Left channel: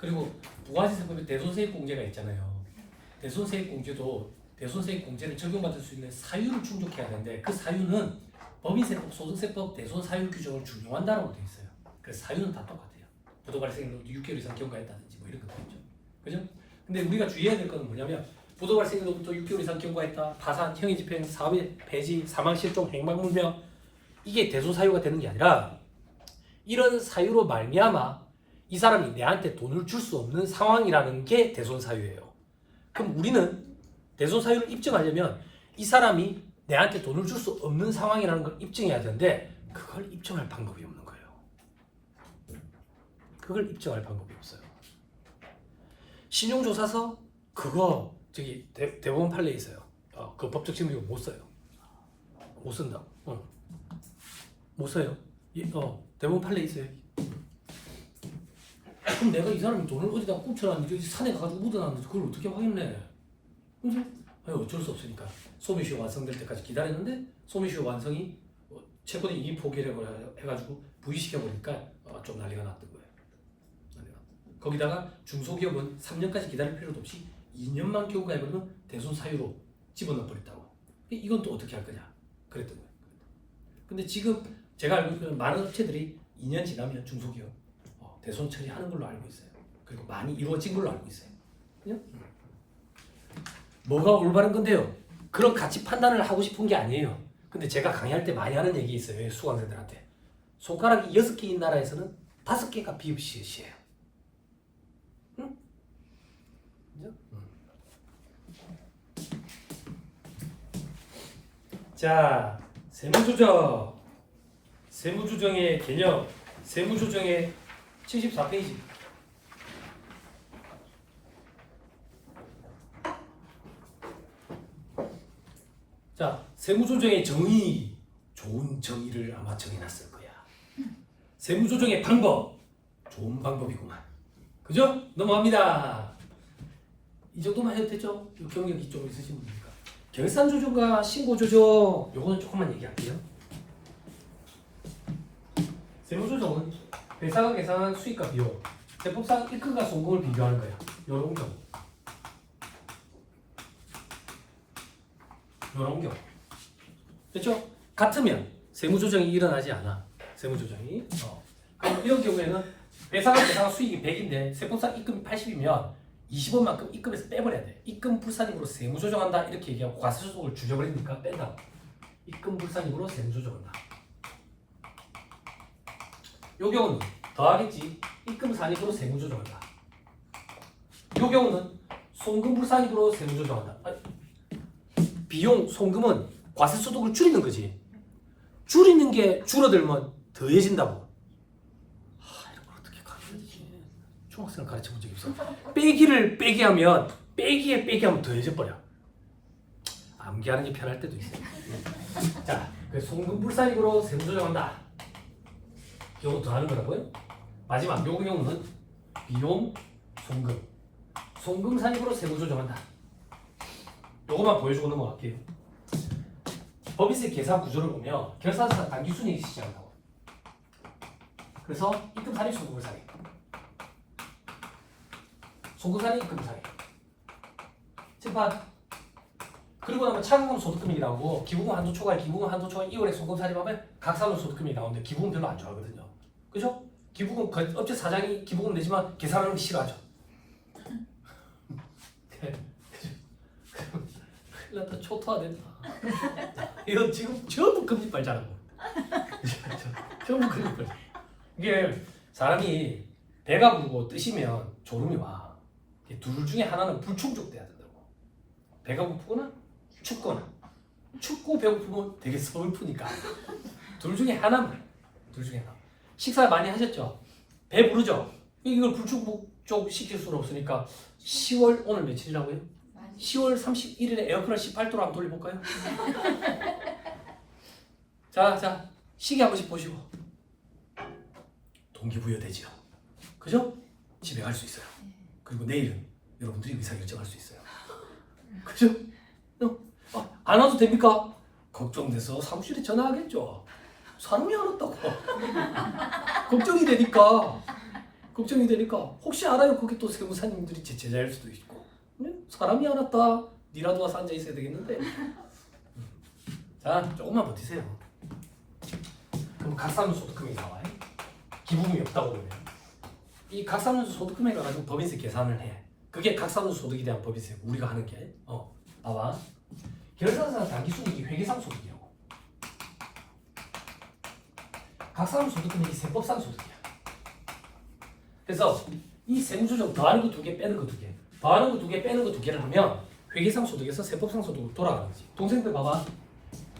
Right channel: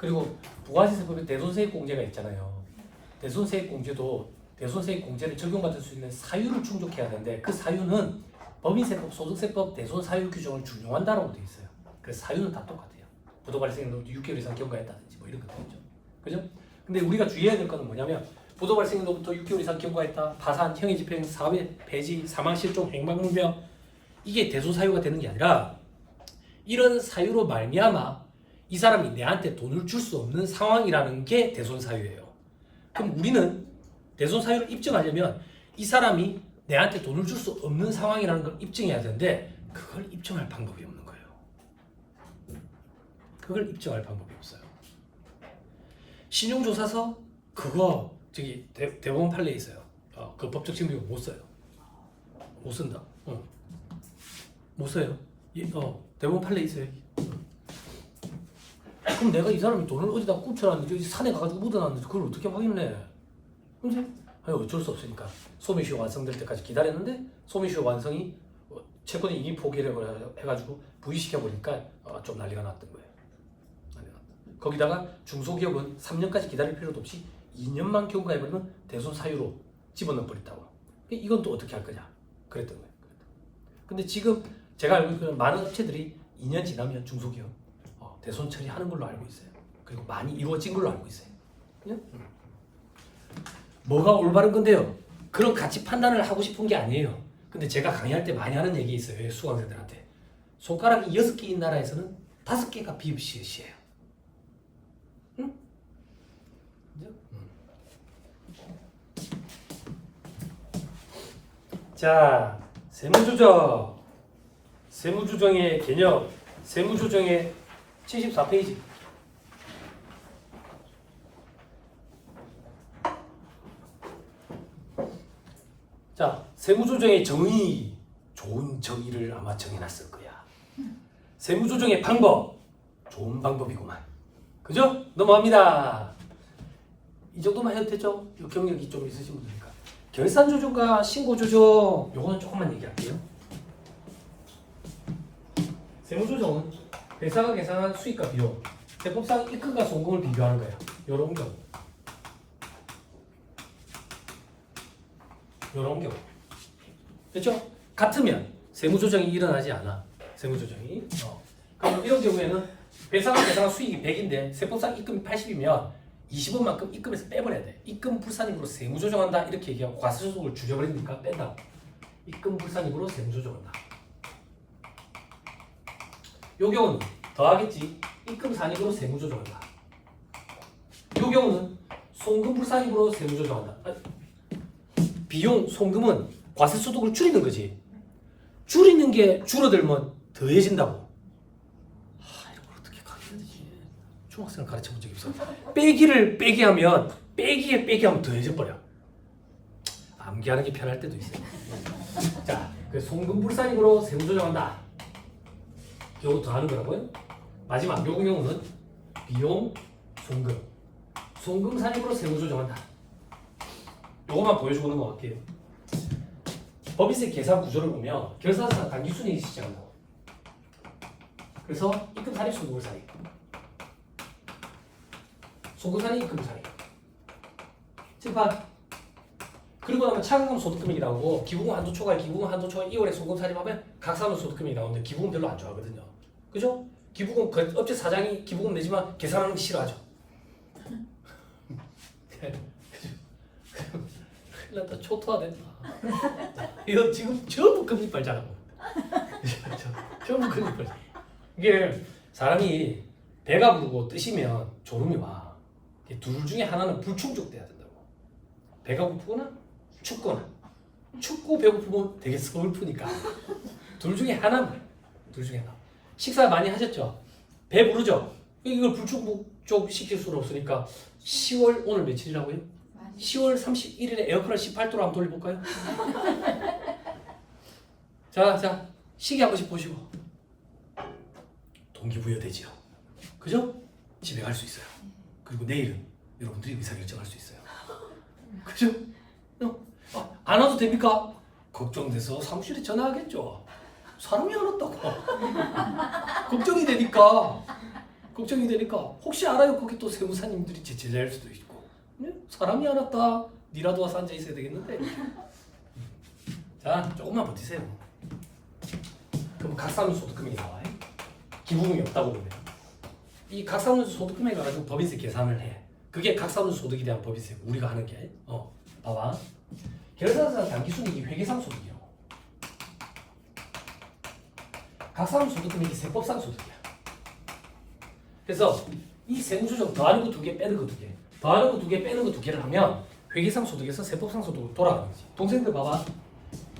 그리고 부가세에서 보면 대손세액공제가 있잖아요. 대손세액공제도 대손세액공제를 적용받을 수 있는 사유를 충족해야 되는데 그 사유는 법인세법, 소득세법, 대손사유 규정을 준용한다라고 되어 있어요. 그래서 사유는 다 똑같아요. 부도 발생으로 6개월 이상 경과했다든지 뭐 이런 것들이죠. 그죠? 근데 우리가 주의해야 될 것은 뭐냐면 부도 발생으로부터 6개월 이상 경과했다, 파산, 형의 집행, 사업의 폐지, 사망, 실종, 행방불명 이게 대손사유가 되는 게 아니라 이런 사유로 말미암아 이 사람이 내한테 돈을 줄 수 없는 상황이라는 게 대손사유예요. 그럼 우리는 대손사유를 입증하려면 이 사람이 내한테 돈을 줄 수 없는 상황이라는 걸 입증해야 되는데 그걸 입증할 방법이 없는 거예요. 그걸 입증할 방법이 없어요. 신용조사서 그거 저기 대법원 판례에 있어요. 그 법적 증명을 못 써요. 못 쓴다. 못 써요. 대법원 판례에 있어요. 그럼 내가 이 사람이 돈을 어디다 굽혀놨는지 산에 가가지고 묻어놨는지 그걸 어떻게 확인해? 그지? 아니 어쩔 수 없으니까 소미쇼 완성될 때까지 기다렸는데 소미쇼 완성이 채권의 이의 포기를 해가지고 부의시켜버리니까 좀 난리가 났던 거예요. 거기다가 중소기업은 3년까지 기다릴 필요도 없이 2년만 경과해버리면 대손 사유로 집어넣어버렸다고. 이건 또 어떻게 할 거냐? 그랬던 거예요. 근데 지금 제가 알고 있는 많은 업체들이 2년 지나면 중소기업 대손 처리하는 걸로 알고 있어요. 그리고 많이 이루어진 걸로 알고 있어요. 그냥? 뭐가 올바른 건데요? 그런 가치 판단을 하고 싶은 게 아니에요. 근데 제가 강의할 때 많이 하는 얘기 있어요. 수강생들한테. 손가락이 6개인 나라에서는 5개가 비읍시읒이에요. 응? 자, 세무조정. 세무조정의 개념. 세무조정의 74페이지. 자, 세무조정의 정의, 좋은 정의를 아마 정해놨을 거야. 세무조정의 방법, 좋은 방법이구만. 그죠? 넘어갑니다. 이 정도만 해도 되죠? 이 경력이 좀 있으신 분이니까. 결산조정과 신고조정, 요거는 조금만 얘기할게요. 세무조정은 회사가 계산한 수익과 비용, 세법상 입금과 송금을 비교하는 거야. 요런 경우. 요런 경우. 됐죠? 같으면 세무조정이 일어나지 않아. 세무조정이. 그럼 이런 경우에는 회사가 계산한 수익이 100인데 세법상 입금이 80이면 20원만큼 입금해서 빼버려야 돼. 입금 불산입으로 세무조정한다 이렇게 얘기하고 과세소득을 줄여버리니까 뺀다. 입금 불산입으로 세무조정한다. 요 경우는 더하겠지. 입금 산입으로 세무조정한다. 요 경우는 송금 불산입으로 세무조정한다. 비용, 송금은 과세소득을 줄이는 거지. 줄이는 게 줄어들면 더해진다고. 이걸 어떻게 가르쳐야지? 중학생을 가르쳐 본 적이 없어. 빼기를 빼기 하면 빼기에 빼기 하면 더해져 버려. 암기하는 게 편할 때도 있어요. 자, 그 송금 불산입으로 세무조정한다. 요거 더 하는 거라고요? 마지막 요 경우는 비용, 송금. 송금 산입으로 세무조정한다. 요거만 보여주고 넘어갈게요. 법인세 계산 구조를 보면 결산서상 단기순이익이 시작한다고. 그래서 입금 산입, 송금 산입. 송금 산입, 입금 산입. 칠판. 그리고 나면 차근금 소득금액이 나오고 기부금 한도 초과, 기부금 한도 초과 2월에 송금 산입하면 각사금 소득금액이 나오는데 기부금 별로 안 좋아하거든요. 그죠? 기부금 업체 사장이 기부금 내지만 계산하는 게 싫어하죠. 큰일 났다. 초토화된다. 이거 지금 전부 금리빨 자라고. 전부 금리빨. 이게 사람이 배가 부르고 뜨시면 졸음이 와. 둘 중에 하나는 불충족돼야 된다고. 배가 고프거나 춥거나. 춥고 배고프면 되게 슬프니까. 둘 중에 하나만. 둘 중에 하나. 식사 많이 하셨죠? 배 부르죠? 이걸 불충족 시킬 수는 없으니까 10월 오늘 며칠이라고요? 10월 31일에 에어컨을 18도로 한번 돌려볼까요? 자, 시계 한 번씩 보시고 동기부여되지요. 그죠? 집에 갈 수 있어요. 그리고 내일은 여러분들이 의사결정할 수 있어요. 그죠? 안 와도 됩니까? 걱정돼서 사무실에 전화하겠죠. 사람이 안 왔다고. 걱정이 되니까 걱정이 되니까 혹시 알아요? 거기 또 세무사님들이 제 제자일 수도 있고 사람이 알았다. 니라도 와서 앉아 있어야 되겠는데. 자, 조금만 버티세요. 그럼 각사함수 소득 금액이 나와요. 기부금이 없다고 보면 이 각사함수 소득 금액을 가지고 법인세 계산을 해. 그게 각사함수 소득에 대한 법인세 우리가 하는 게. 봐봐. 결산상 당기순이익이 회계상 소득이요. 각사함수 소득 금액이 세법상 소득이야. 그래서 이 세무조정 더하는 거 2개 빼는 거 2개 더하는 거 2개 빼는 거 2개를 하면 회계상 소득에서 세법상 소득으로 돌아가는 거지. 동생들 봐봐.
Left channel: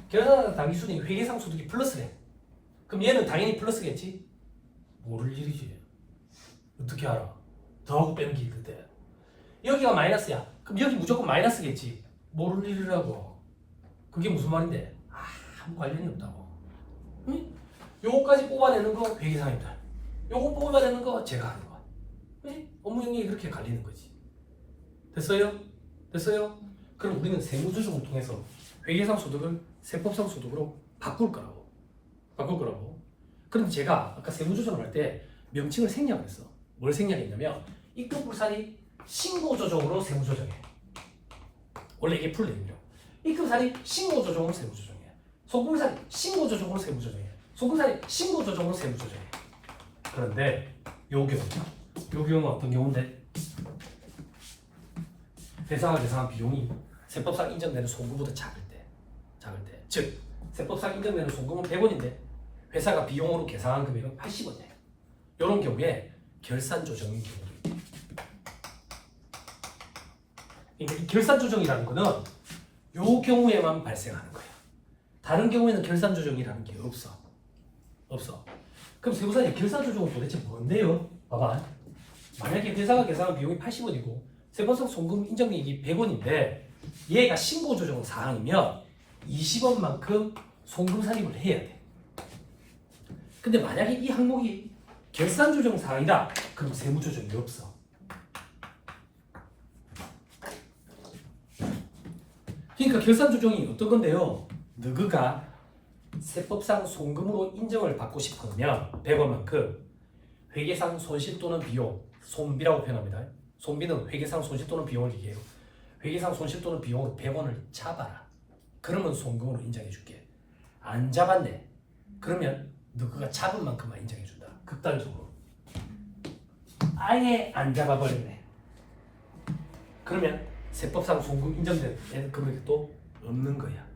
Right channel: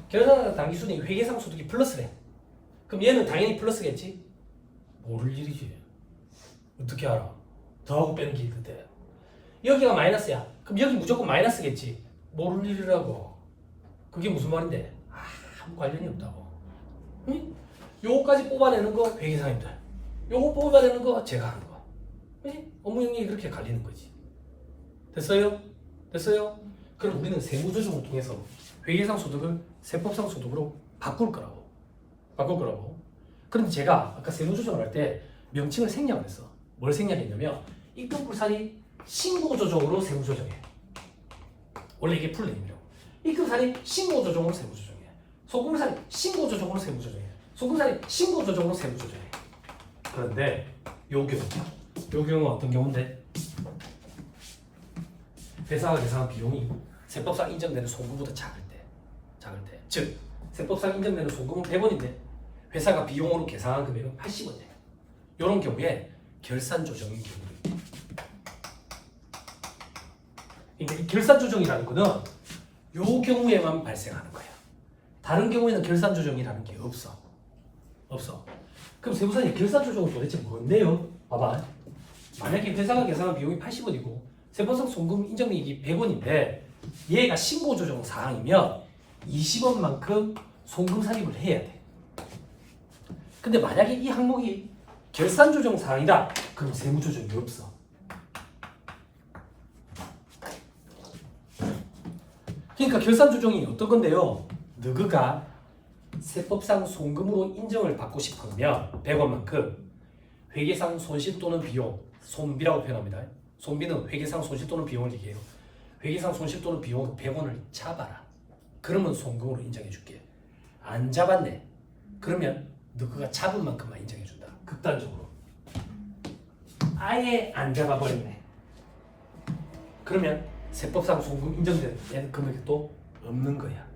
결산상 당기순이익 회계상 소득이 플러스래. 그럼 얘는 당연히 플러스겠지? 모를 일이지. 어떻게 알아? 더하고 빼는 게 그때. 여기가 마이너스야. 그럼 여기 무조건 마이너스겠지? 모를 일이라고. 그게 무슨 말인데? 아무 관련이 없다고. 응? 요거까지 뽑아내는 거 회계상이다. 요거 뽑아내는 거 제가 하는 거. 그치? 업무 영역이 그렇게 갈리는 거지. 됐어요? 됐어요? 그럼 우리는 세무조정을 통해서 회계상 소득을 세법상 소득으로 바꿀 거라고. 그럼 제가 아까 세무조정을 할 때 명칭을 생략을 했어. 뭘 생략했냐면 입금불산이 신고조정으로 세무조정해. 원래 이게 풀네임이라고. 입금산이 신고조정으로 세무조정해. 소금불산이 신고조정으로 세무조정해. 소금산이 신고조정으로 세무조정해. 그런데 요 경우는 어떤 경우인데? 회사가 계산한 비용이 세법상 인정되는 송금보다 작을 때. 즉 세법상 인정되는 송금은 100원인데 회사가 비용으로 계산한 금액은 80원이에요. 이런 경우에 결산 조정인 경우도 있대. 그러니까 이 결산 조정이라는 거는 요 경우에만 발생하는 거야. 다른 경우에는 결산 조정이라는 게 없어. 그럼 세무사님 결산 조정은 도대체 뭔데요? 봐봐. 만약에 회사가 계산한 비용이 80원이고 세법상 송금 인정이익이 100원인데 얘가 신고 조정 사항이면 20원만큼 송금 삭입을 해야 돼. 근데 만약에 이 항목이 결산 조정 사항이다. 그럼 세무 조정이 없어. 그러니까 결산 조정이 어떤 건데요? 너가 세법상 송금으로 인정을 받고 싶으면 100원만큼 회계상 손실 또는 비용, 손비라고 표현합니다. 손비는 회계상 손실 또는 비용을 얘기해요. 회계상 손실 또는 비용으로 100원을 잡아라. 그러면 송금으로 인정해 줄게. 안 잡았네. 그러면 너가 잡은 만큼만 인정해 준다. 극단적으로. 아예 안 잡아버렸네. 그러면 세법상 송금 인정된 금액도 없는 거야.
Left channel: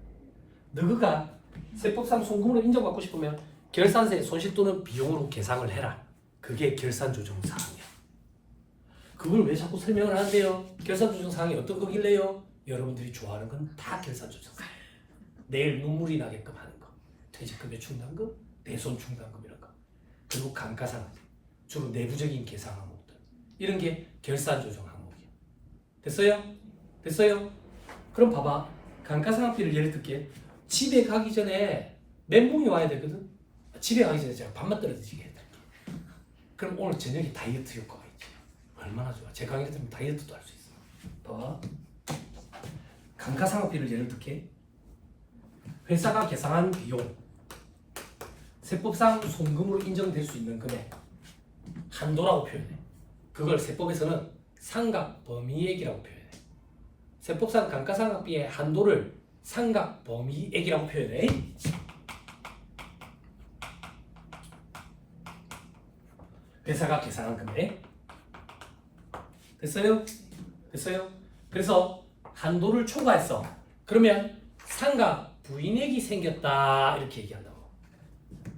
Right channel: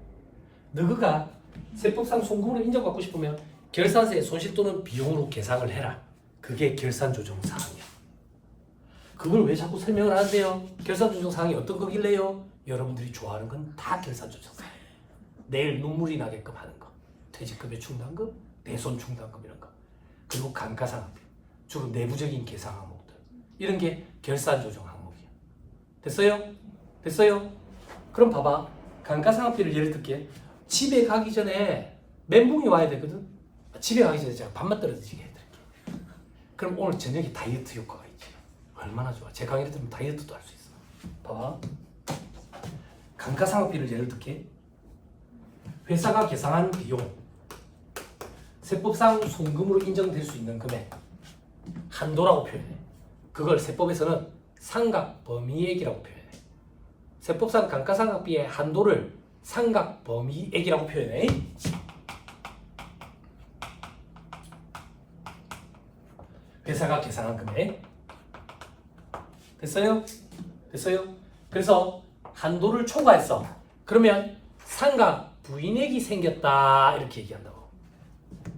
너가 세법상 송금으로 인정받고 싶으면 결산세 손실 또는 비용으로 계산을 해라. 그게 결산 조정 사항이야. 그걸 왜 자꾸 설명을 하는데요? 결산 조정 사항이 어떤 거길래요? 여러분들이 좋아하는 건 다 결산 조정 사항. 내일 눈물이 나게끔 하는 거. 퇴직급여 충당금, 대손 충당금 이런 거. 그리고 감가상각비. 주로 내부적인 계산 항목들. 이런 게 결산 조정 항목이야. 됐어요? 그럼 봐봐. 감가상각비를 예를 들게. 집에 가기 전에 멘붕이 와야 되거든. 집에 가기 전에 제가 밥만 떨어지게 해드릴게. 그럼 오늘 저녁에 다이어트 효과가 있지. 얼마나 좋아. 제 강의를 들으면 다이어트도 할 수 있어. 봐봐. 감가상각비를 예를 들게. 회사가 계산한 비용, 세법상 송금으로 인정될 수 있는 금액, 한도라고 표현해. 그걸 세법에서는 상각범위액이라고 표현해. 세법상 감가상각비의 한도를 상각범위액이라고 표현해. 회사가 계산한 금액. 됐어요? 그래서 한도를 초과했어. 그러면 상각 부인액이 생겼다 이렇게 얘기한다고.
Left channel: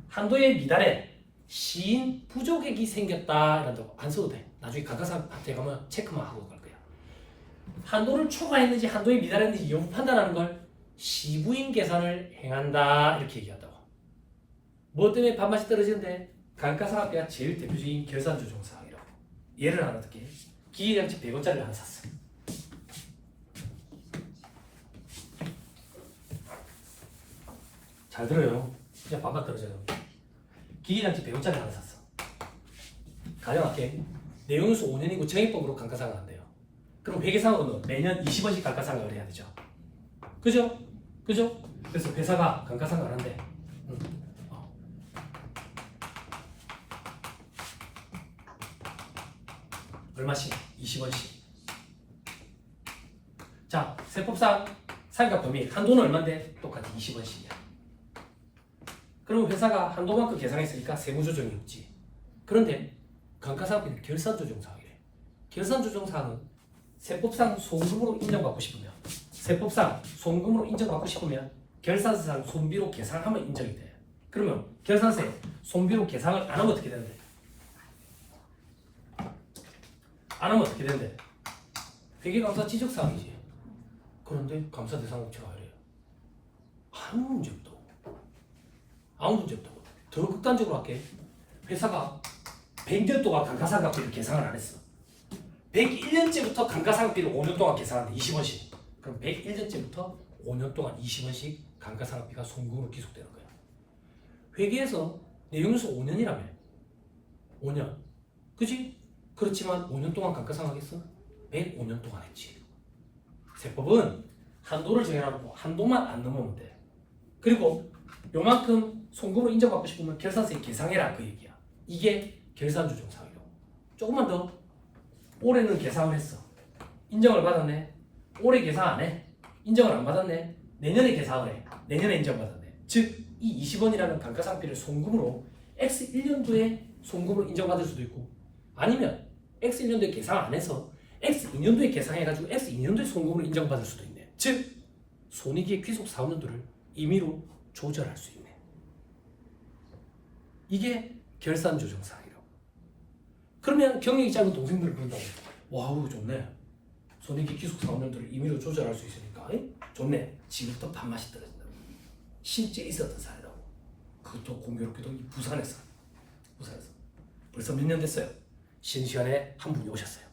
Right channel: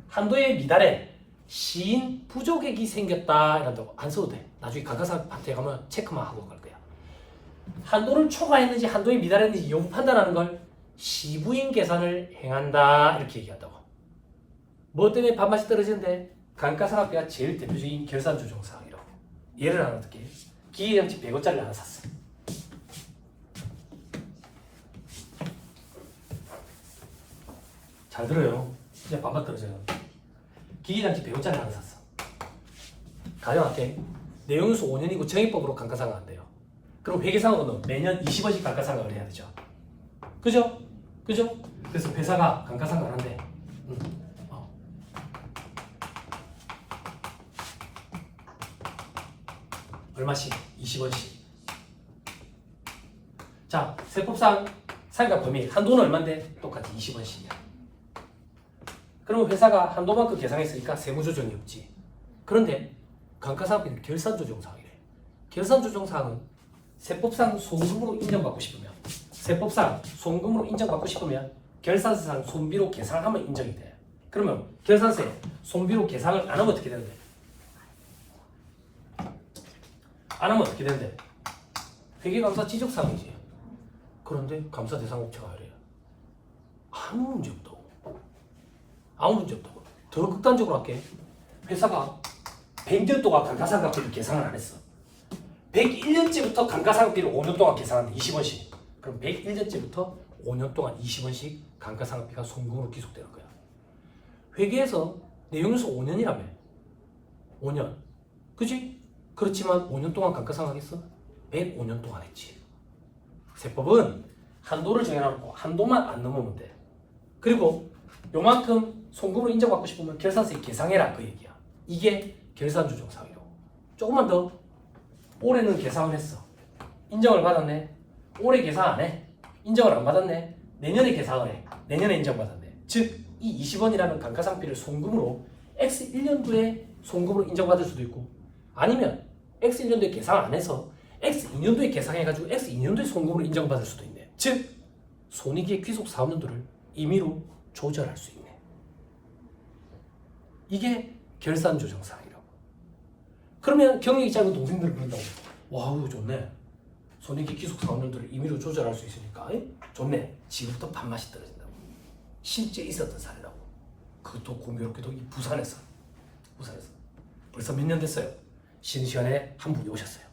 한도에 미달해 시인 부족액이 생겼다 이런다고. 안 써도 돼. 나중에 감가상각 파트에 가면 체크만 하고 갈 거야. 한도를 초과했는지 한도에 미달했는지 용 판단하는 걸 시부인 계산을 행한다 이렇게 얘기한다고. 뭐 때문에 밥맛이 떨어지는데? 감가상각비가 제일 대표적인 결산 조정 사항이라고. 예를 하나 들게. 기계장치 100원짜리를 하나 샀어. 잘 들어요. 진짜 밥맛 떨어져요. 기계장치 100원짜리 하나 샀어. 가정할게. 내용유수 5년이고 정액법으로 감가상각 안 돼요. 그럼 회계상각은 매년 20원씩 감가상각을 해야 되죠. 그죠? 그래서 회사가 감가상각을 한대. 얼마씩? 20원씩. 자, 세법상 사기가 범위 한도는 얼마인데? 똑같이 20원씩이야. 그러면 회사가 한도만큼 계상했으니까 세무조정이 없지. 그런데 감가상각비는 결산조정사항이래. 결산조정사항은 세법상 송금으로 인정받고 싶으면 결산세상 손비로 계상하면 인정이 돼. 그러면 결산세 손비로 계상을 안 하면 어떻게 되는데? 안 하면 어떻게 되는데? 회계감사 지적사항이지. 그런데 감사 대상 업체가 하래요. 아무 문제 없다고. 아무 문제 없다고. 더 극단적으로 할게. 회사가 100년 동안 감가상각비를 계산을 안 했어. 101년째부터 감가상각비를 5년 동안 계산하는데 20원씩. 그럼 101년째부터 5년 동안 20원씩 감가상각비가 송금으로 기속되는 거야. 회계에서 내용에서 5년이라며. 5년. 그치? 그렇지만 5년 동안 감가상각했어? 105년 동안 했지. 세법은 한도를 정해놓고 한도만 안 넘으면 돼. 그리고 요만큼 송금으로 인정받고 싶으면 결산세 계상해라 그 얘기야. 이게 결산조정사항이고. 조금만 더. 올해는 계상을 했어. 인정을 받았네. 올해 계상 안 해. 인정을 안 받았네. 내년에 계상을 해. 내년에 인정받았네. 즉, 이 20원이라는 감가상각비를 송금으로 X 1년도에 송금으로 인정받을 수도 있고, 아니면 X 1년도에 계상 안 해서 X 2년도에 계상해가지고 X 2년도에 송금으로 인정받을 수도 있네. 즉, 손익의 귀속 사업연도를 임의로 조절할 수 있네. 이게 결산조정사항이라고. 그러면 경영이 짧은 동생들은 그런다고. 와우, 좋네. 손익의 귀속 사업연도를 임의로 조절할 수 있으니까 좋네. 지금부터 밥맛이 떨어진다고. 실제 있었던 사례라고. 그것도 공교롭게도 이 부산에서 벌써 몇 년 됐어요. 신시간에 한 분이 오셨어요.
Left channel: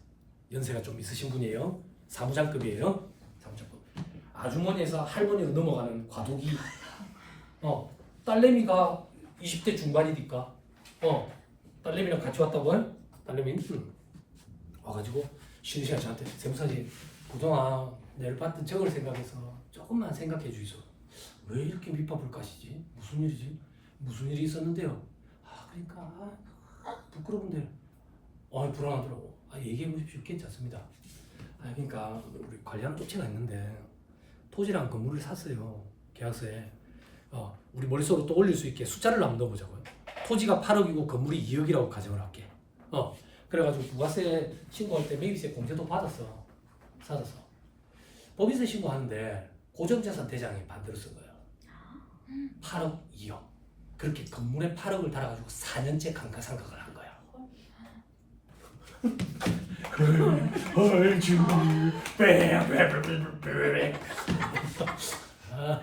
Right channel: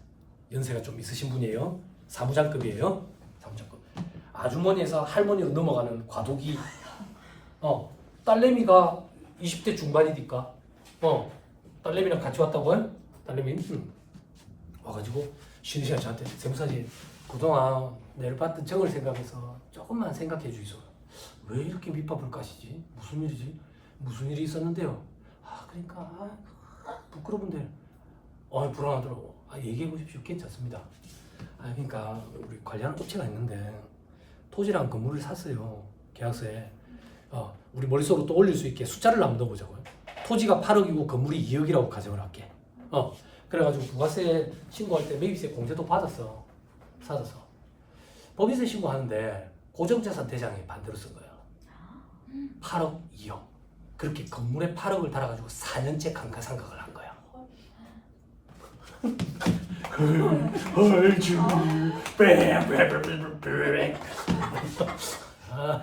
연세가 좀 있으신 분이에요. 사무장급이에요. 사무장급. 아주머니에서 할머니로 넘어가는 과도기. 딸내미가 20대 중반이니까 딸내미랑 같이 왔다고. 딸내미 와가지고 쉬는 시간에 저한테 세무사님 그동안 내일 받던 적을 생각해서 조금만 생각해 주이소. 왜 이렇게 밑밥을 까시지? 무슨 일이지? 무슨 일이 있었는데요? 그러니까 부끄러운데 불안하더라고. 얘기해 보십시오. 괜찮습니다. 그러니까 우리 관리하는 업체가 있는데 토지랑 건물을 샀어요. 계약서에. 우리 머릿속으로 또 올릴 수 있게 숫자를 한번 넣어보자고요. 토지가 8억이고 건물이 2억이라고 가정을 할게. 그래가지고 부가세 신고할 때 매입세 공제도 받았어. 법인세 신고하는데 고정자산 대장이 반대로 쓴 거예요. 8억, 2억. 그렇게 건물에 8억을 달아가지고 4년째 감가상각을 한 거야.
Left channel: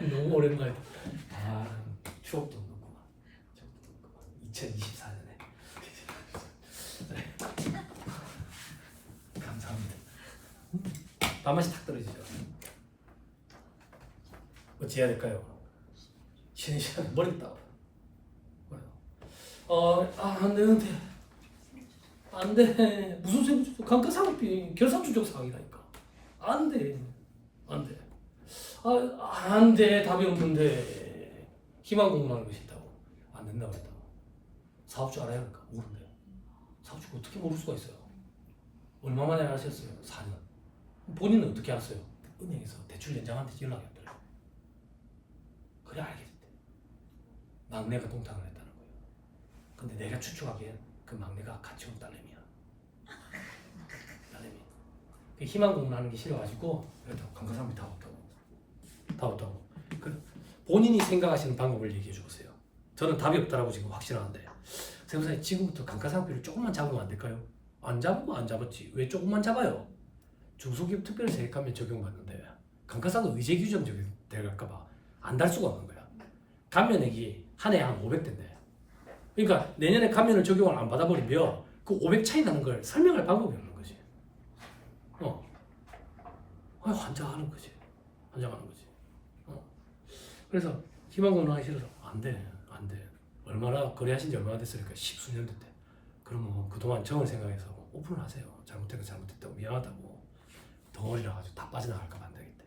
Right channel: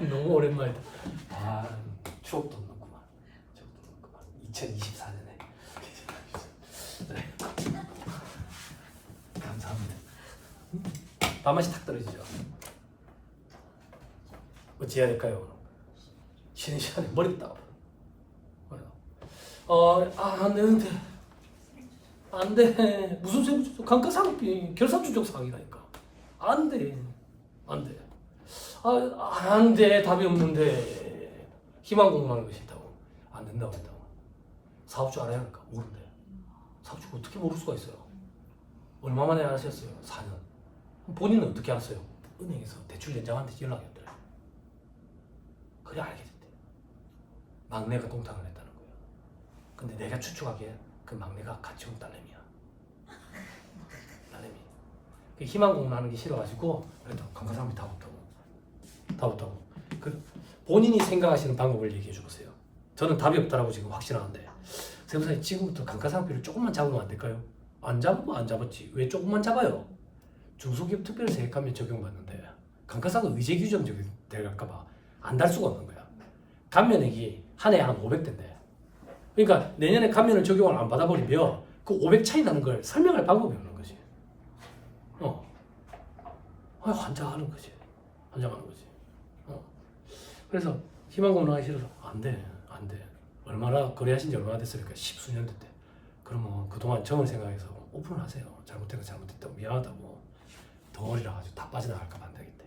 너무 오랜만이다. 추억 돋는구만. 2024년에. 네. 감사합니다. 밥맛이 탁 떨어지죠. 어찌해야 될까요? 쉬는 시간에 머리 따고. 안 돼. 무슨 세무조정? 감가상각비 결산조정사항이라니까. 안 돼. 안 돼. 답이 없는데 희망 공부하는 것이 있다고. 안 된다고 했다고. 사업주 알아야 할까? 모른대. 사업주가 어떻게 모를 수가 있어요? 얼마 만에 아셨어요? 4년. 본인은 어떻게 알았어요? 은행에서 대출 연장한테 연락했더래요. 그래 알게 됐대. 막내가 동탁을 했다는 거예요. 근데 내가 추측하기엔 그 막내가 같이 온 딸내미야. 딸내미. 희망 공부하는 게 싫어가지고 그래도 감가상각비 다 없다고. 그 본인이 생각하시는 방법을 얘기해 주세요. 저는 답이 없다라고 지금 확신하는데 세무사님 지금부터 감가상각비를 조금만 잡으면 안 될까요? 안 잡으면 안 잡았지. 왜 조금만 잡아요? 중소기업 특별세액감면 적용받는데 감가상각 의제 규정 적용될까봐 안 달 수가 없는 거야. 감면액이 한 해에 한 500대인데 그러니까 내년에 감면을 적용을 안 받아버리면 그 500 차이 나는 걸 설명할 방법이 없는 거지. 환장하는 거지. 그래서 희망고문하기 싫어서 안 돼. 얼마나 거래하신 지 얼마나 됐으니까 10수년 됐대. 그러면 그동안 정을 생각해서 오픈을 하세요. 잘못된 거 잘못됐다고 미안하다고. 덩어리라 가지고 다 빠져나갈까 봐 안 되겠대.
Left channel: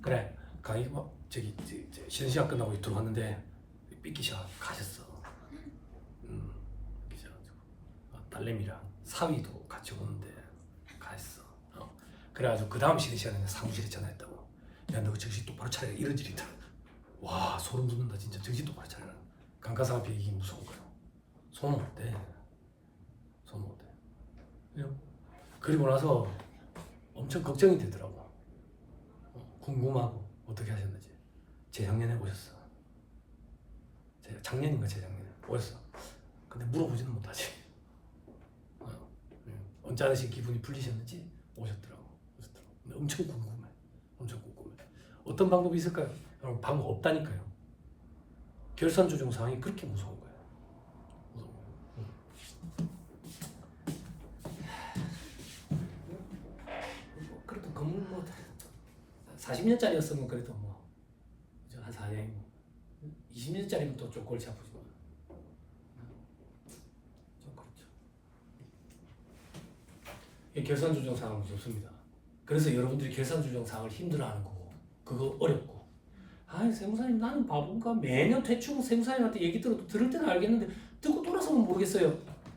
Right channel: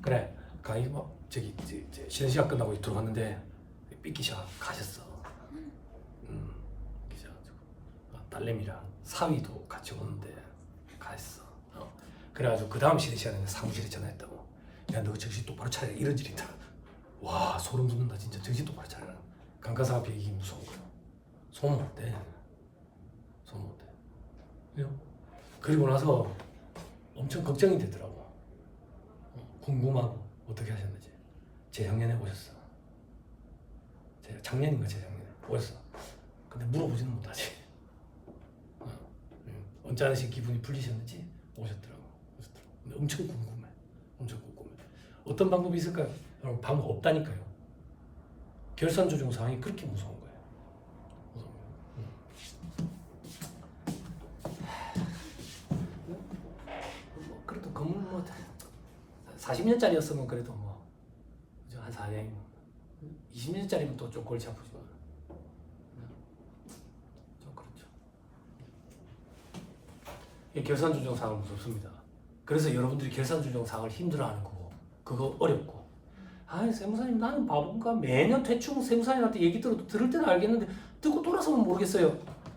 그래 강의 쉬는 시간 끝나고 들어갔는데 삐끼셔 가셨어. 삐끼셔가지고 딸내미랑 사위도 같이 오는데 갔어. 그래가지고 그 다음 쉬는 시간에 사무실에 전화했다고. 야, 너 정신 똑바로 차려라. 이런 일이 있더라. 와, 소름 돋는다. 진짜 정신 똑바로 차려라. 감가상 앞에 이게 무서운 거야. 손 못 대. 손 못 대. 그리고 나서 엄청 걱정이 되더라고. 궁금하고 어떻게 하셨는지. 재작년에 오셨어. 작년인가 재작년에 오셨어. 근데 물어보지는 못하지. 언짢으신 기분이 풀리셨는지 오셨더라고. 근데 엄청 궁금해. 엄청 궁금해. 어떤 방법이 있을까요? 여러분, 방법 없다니까요. 결산 조정 상황이 그렇게 무서운 거예요. 그래도 건물 뭐 40년짜리였으면 그래도 뭐 한 4년, 20년짜리면 또 좀 골치 아프지만 좀 그렇죠. 이 결산 조정 상황은 무섭습니다. 그래서 여러분들이 결산 조정 상황을 힘들어하는 거고, 그거 어렵고. 아니, 세무사님 나는 바본가? 매년 대충 세무사님한테 얘기 들을 때는 알겠는데 듣고 돌아서면 모르겠어요.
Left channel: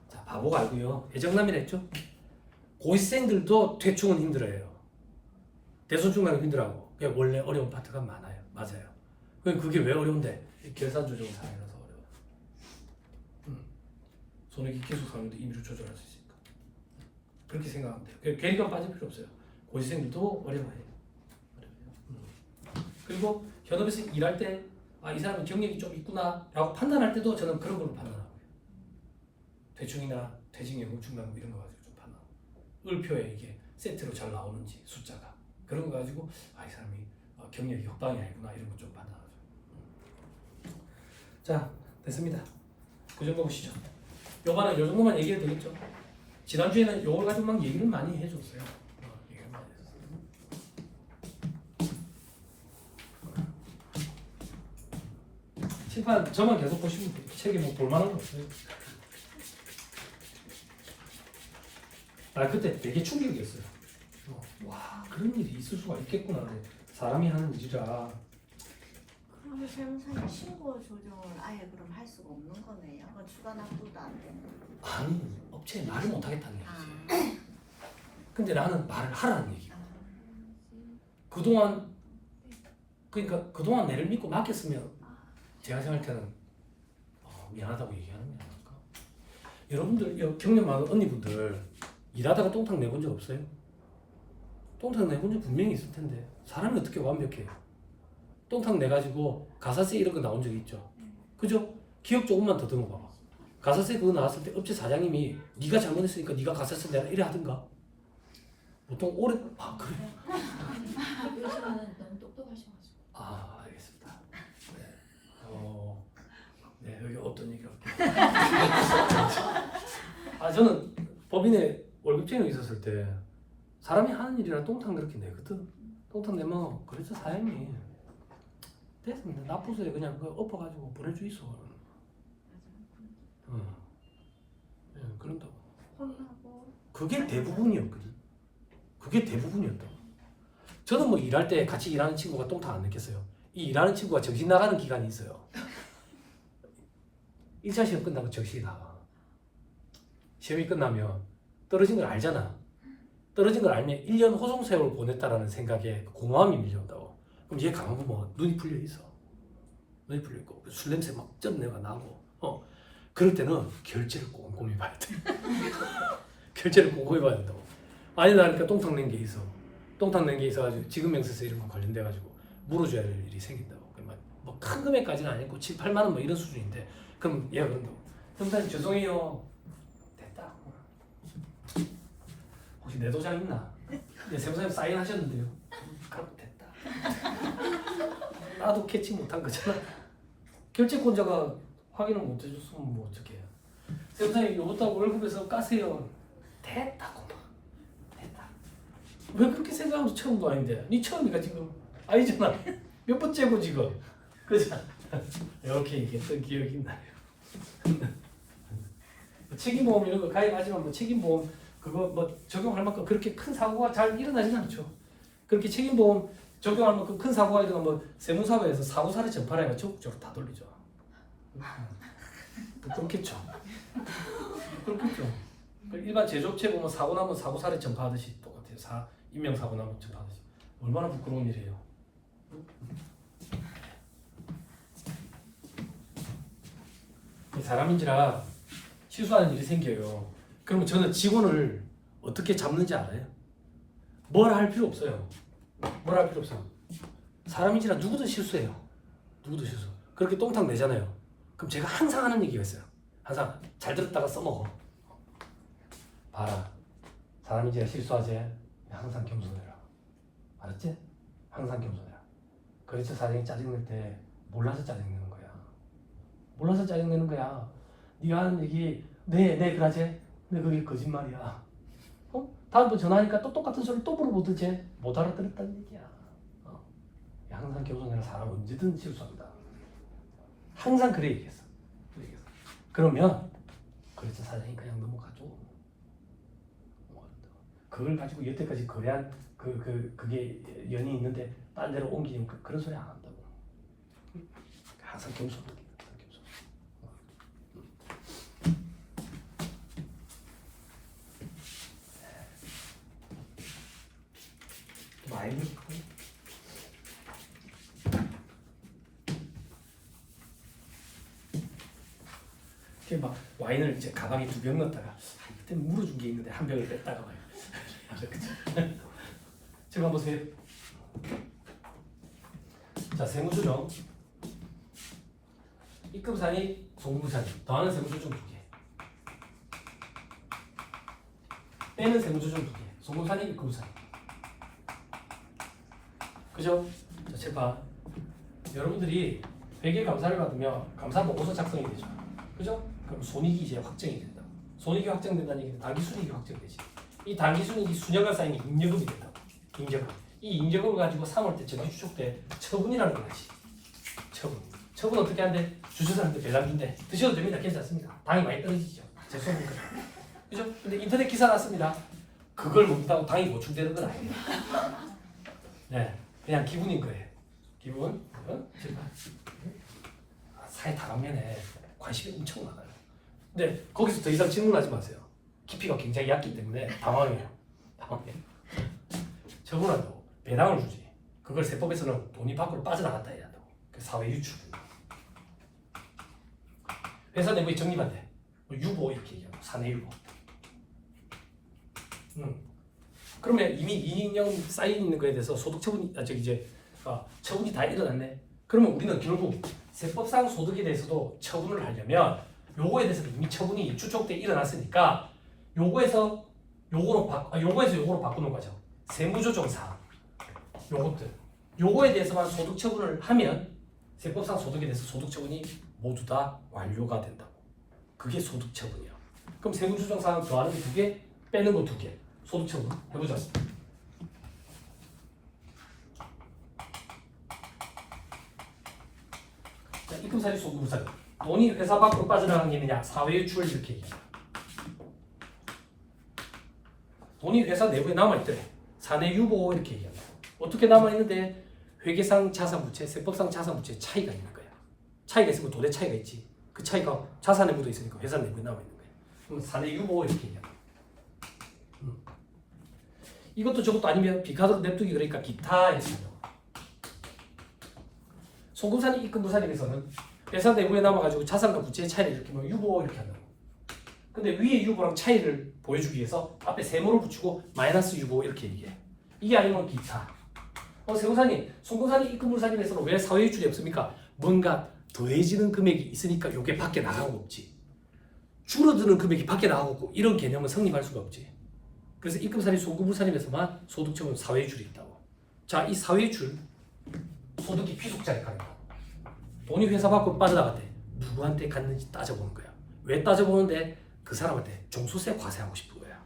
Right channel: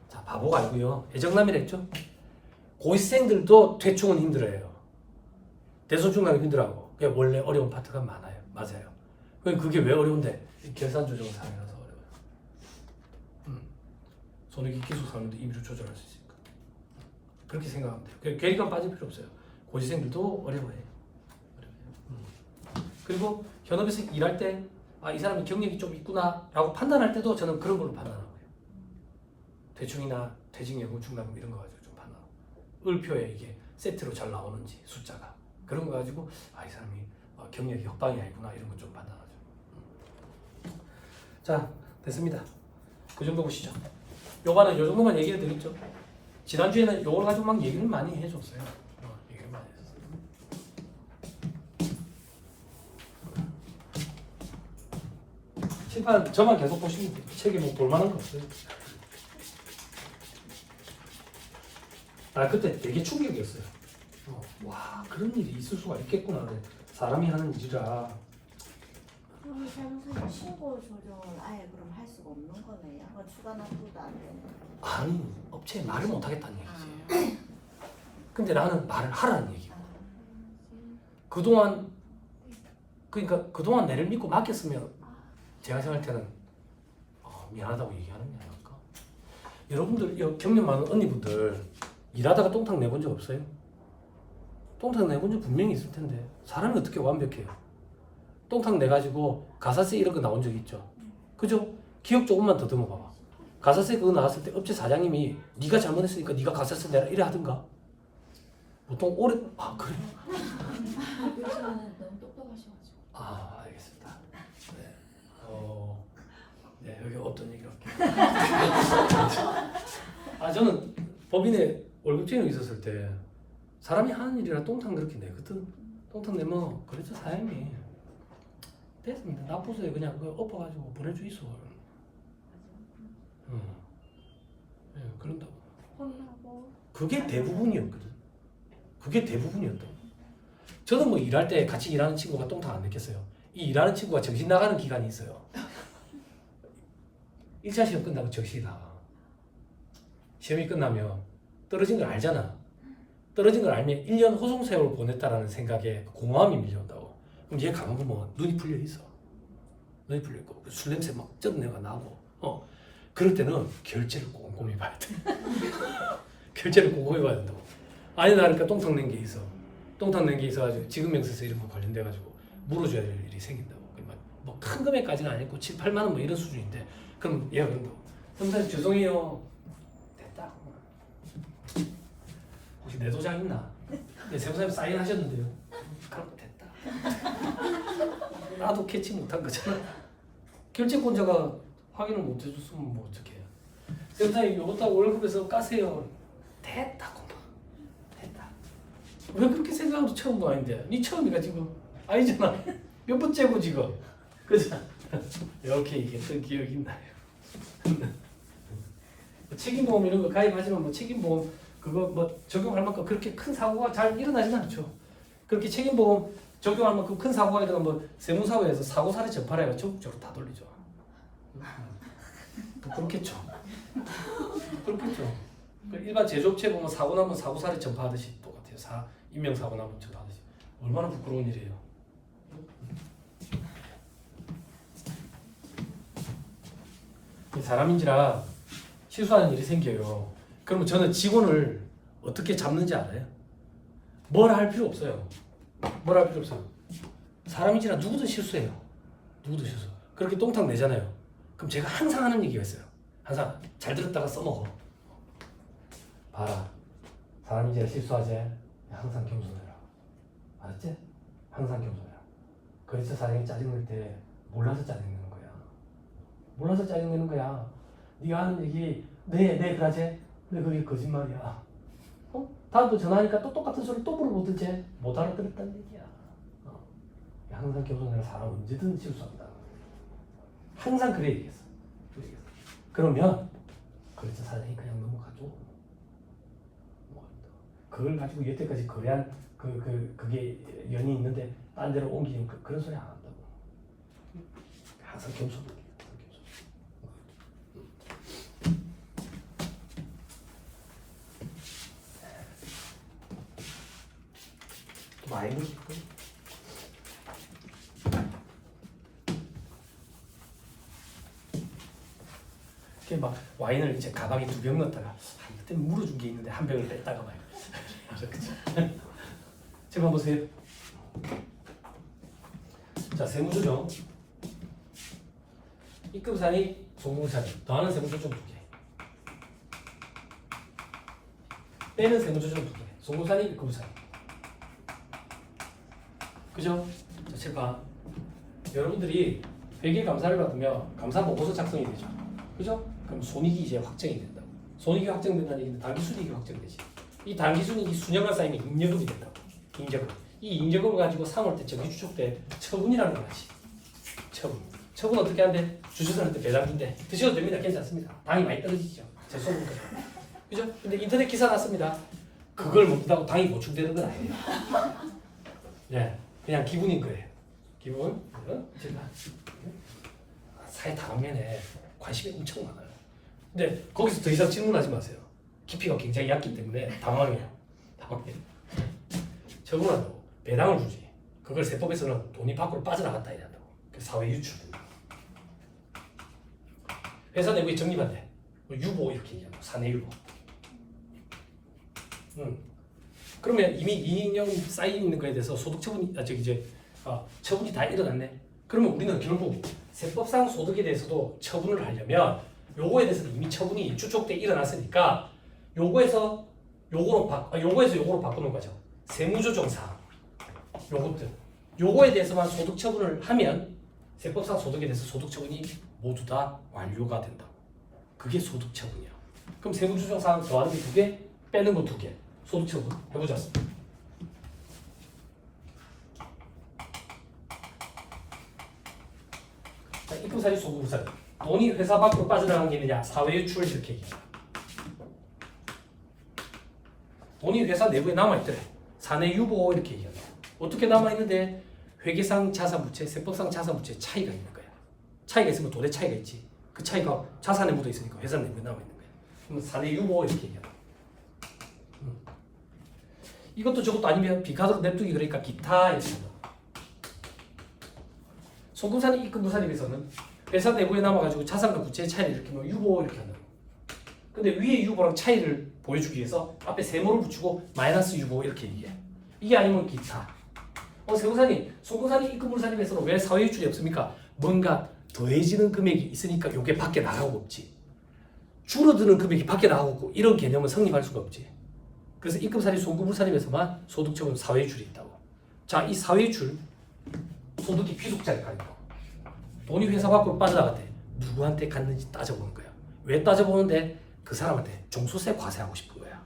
자, 바보가 아니고요. 애정남이랬죠. 고시생들도 대충은 힘들어요. 대손중간은 힘들어하고. 그게 원래 어려운 파트가 많아요. 맞아요. 그게 왜 어려운데? 결산 조정 상황이라서 어려워요. 손해기기수 상황도 임의로 조절할 수 있으니까. 그렇게 생각하면 돼요. 괴리감 빠질 필요 없어요. 고시생들도 어려워요. 그리고 현업에서 일할 때 이 사람은 경력이 좀 있구나 라고 판단할 때도 저는 그런 걸로 판단하고요. 대충이나 퇴직예고 중간금 이런 거 가지고 좀 판단하고, 을표에 이게 세트로 잘 나오는지 숫자가 그런 거 가지고 이 사람이 경력이 협방이 아니구나 이런 거 좀 판단하죠. 자, 됐습니다. 그 정도 보시죠. 요거는 요 정도만 얘기해도 되겠죠. 지난주에는 요걸 가지고 막 얘기를 많이 해줬어요. 얘기를 많이 했었어요. 칠판 저만 계속 보시면 돼요. 책에 뭐 볼만한 거 없어요. 그때 되게 충격이었어요. 와, 그런 일이 있을 수가 있겠구나. 사람이 하는 일이라. 그러면 세무사님 신고 조정을 아예 그럼 할 수가 없는 거네요. 추가 납부도 안 되는. 아니, 업체에 말을 못 하겠다는 얘기지. 근데 나는 말을 하라는 얘기. 그동안 내를 믿고 맡겼으면 제가 생각할 때는 미안하다고 얘기하는 게 아닐까. 여러분들 경력 많은 언니분들 일하다가 똥탕 내본 적 없어요? 똥탕 내본 적 분명히 있을 텐데 사람이 어떻게 완벽해요? 똥탕 내가지고 가사세 이런 거 나온 적 있죠? 그죠? 기억 조금만 더듬어 봐봐. 가사세 그거 나왔을 때 업체 사장님이 네가 잘못했으니까 네가 가사세 내라 이래 하든가? 보통 오래 그래? 요즘은 너무 똑똑하셔가지고. 알겠습니다. 네, 여기 없던 얘기 할게요. 저는 법인에 월급쟁이 있었을 때 사람이 하는 일이라 똥탕 그렇게 내거든. 똥탕 내면 그래서 사장님이 됐습니다. 납부서에 그냥 엎어가지고 보내주 있어. 네, 그런다고. 혼나고. 그게 대부분이었거든. 그게 대부분이었다고. 저도 뭐 일할 때 같이 일하는 친구가 똥탕 안 냈겠어요. 이 일하는 친구가 정신 나가는 기간이 있어요. 1차 시험 끝나고 정신이 나가. 시험이 끝나면 떨어진 걸 알잖아. 떨어진 걸 알면 1년 호송세월 보냈다라는 생각에 공허함이 밀려온다고. 그럼 얘 가만 보면 눈이 풀려 있어. 눈이 풀려 있고 술 냄새 막 쩐내가 나고. 그럴 때는 결제를 꼼꼼히 봐야 돼. 결제를 꼼꼼히 봐야 된다고. 아니, 나 그러니까 똥탕 낸 게 있어. 똥탕 낸 게 있어가지고 지급명세서 이런 거 관련돼가지고 물어줘야 될 일이 생긴다고. 뭐 큰 금액까지는 아니고 7, 8만 원 뭐 이런 수준인데 그럼 얘가 그런다고. 선생님 죄송해요. 됐다. 혹시 내 도장 있나? 네, 세무사님 사인하셨는데요. 그럼 됐다. 나도 캐치 못한 거잖아. 결제권자가 확인을 못 해줬으면 뭐 어떡해. 세무사님 요것도 월급에서 까세요. 됐다. 됐다. 왜 그렇게 생각하면 처음도 아닌데? 니 처음이가 지금 아니잖아. 몇 번째고 지금. 그죠? 이렇게 얘기했던 기억이 나요. 책임보험 이런 거 가입하지만 뭐 책임보험 그거 뭐 적용할 만큼 그렇게 큰 사고가 잘 일어나진 않죠. 그렇게 책임보험 적용할 만큼 큰 사고가 일어나면 뭐 세무사회에서 사고 사례 전파를 전국적으로 다 돌리죠. 그렇겠죠. 그렇겠죠. 그 일반 제조업체 보면 사고 나면 사고 사례 전파하듯이 똑같아요. 인명 사고 나면 전파하듯이. 얼마나 부끄러운 일이에요. 사람인지라 실수하는 일이 생겨요. 그러면 저는 직원을 어떻게 잡는지 알아요? 뭘 할 필요 없어요. 뭘 할 필요 없어요. 사람인지라 누구든 실수해요. 누구든 실수. 그렇게 똥탕 내잖아요. 그럼 제가 항상 하는 얘기가 있어요. 항상 잘 들었다가 써먹어. 봐라. 사람인지라 실수하지. 항상 겸손해라. 알았지? 항상 겸손해라. 그래서 사람이 짜증낼 때 몰라서 짜증내는 거야. 몰라서 짜증내는 거야. 네가 하는 얘기 네 그러지. 근데 그게 거짓말이야. 다음부터 전화하니까 또 똑같은 소리를 또 물어보든지 못 알아들었다는 얘기야. 항상 겸손해라. 사람 언제든 실수한다. 항상 그래 얘기했어. 그러면 그래서 사장이 그냥 넘어가죠. 그걸 가지고 여태까지 거래한 그게 연이 있는데 딴 데로 옮기니까 그런 소리 안 한다고. 항상 겸손하게. 많이 막 와인을 이제 가방에 2병 넣었다가 그때 물어준 게 있는데 1병을 뺐다가 막 제가 보세요. 자, 세무조정 입금산이 송금산이 더하는 세무조정 2개, 빼는 세무조정 2개, 송금산이 입금산이. 그죠? 자, 칠판. 여러분들이 회계감사를 받으면 감사 보고서 작성이 되죠. 그죠? 그럼 손익이 이제 확정이 된다. 손익이 확정된다는 얘기는 단기순이익이 확정되지. 이 단기순이익이 수년간 쌓이면 잉여금이 된다고. 잉여금. 이 잉여금을 가지고 3월 때 정기주축 때 처분이라는 것이. 처분 어떻게 하는데? 주주들한테 배당 준대. 드셔도 됩니다. 괜찮습니다. 당이 많이 떨어지죠. 제 소문까지. 그죠? 근데 인터넷 기사 났습니다. 그걸 먹는다고 당이 보충되는 건 아니에요. 네, 그냥 기분인 거예요. 기분. 사회 다방면에 관심이 엄청 많아요. 근데 거기서 더 이상 질문하지 마세요. 깊이가 굉장히 얕기 때문에 당황해요. 당황해. 처분한다고 배당을 주지. 그걸 세법에서는 돈이 밖으로 빠져나갔다 해야 한다고. 사회 유출된다. 회사 내부에 적립한대. 유보 이렇게 얘기한다. 사내 유보. 그러면 이미 이익령 쌓여 있는 거에 대해서 소득 처분이 처분이 다 일어났네. 그러면 우리는 결국 세법상 소득에 대해서도 처분을 하려면 요거에 대해서 이미 처분이 추적 때 일어났으니까 요거에서 요거로 바꾸는 거죠. 세무조정사 요것들 요거에 대해서만 소득 처분을 하면 세법상 소득에 대해서 소득 처분이 모두 다 완료가 된다고. 그게 소득 처분이야. 그럼 세무조정사항 더하는 게 2개, 빼는 거 2개. 소득 처분 해보자. 자, 입금사리 소금사리. 돈이 회사 밖으로 빠져나가는 게 있느냐? 사회유출 이렇게 얘기한다. 돈이 회사 내부에 남아있더래. 사내유보 이렇게 얘기한다. 어떻게 남아있는데 회계상 자산부채, 세법상 자산부채 차이가 있는 거야. 차이가 있으면 돈의 차이가 있지. 그 차이가 자산에 묻어 있으니까 회사 내부에 남아있는 거야. 그럼 사내유보 이렇게 얘기한다. 이것도 저것도 아니면 비카드로 냅두기 그러니까 기타 이렇게 한다고. 송금산이 입금부산입에서는 회사 내부에 남아가지고 자산과 부채의 차이를 이렇게 뭐 유보 이렇게 한다고. 근데 위에 유보랑 차이를 보여주기 위해서 앞에 세모를 붙이고 마이너스 유보 이렇게 얘기해. 이게 아니면 기타. 세무사님, 송금산이 입금부산입에서는 왜 사회유출이 없습니까? 뭔가 더해지는 금액이 있으니까 요게 밖에 나가고 없지. 줄어드는 금액이 밖에 나가고 없고 이런 개념은 성립할 수가 없지. 그래서 입금사리, 송금부산입에서만 소득처분 사회유출이 있다고. 자, 이 사회유출 소득이 귀속자에 가린다고. 돈이 회사 밖으로 빠져나갔대. 누구한테 갔는지 따져보는 거야. 왜 따져보는데? 그 사람한테 종소세 과세하고 싶은 거야.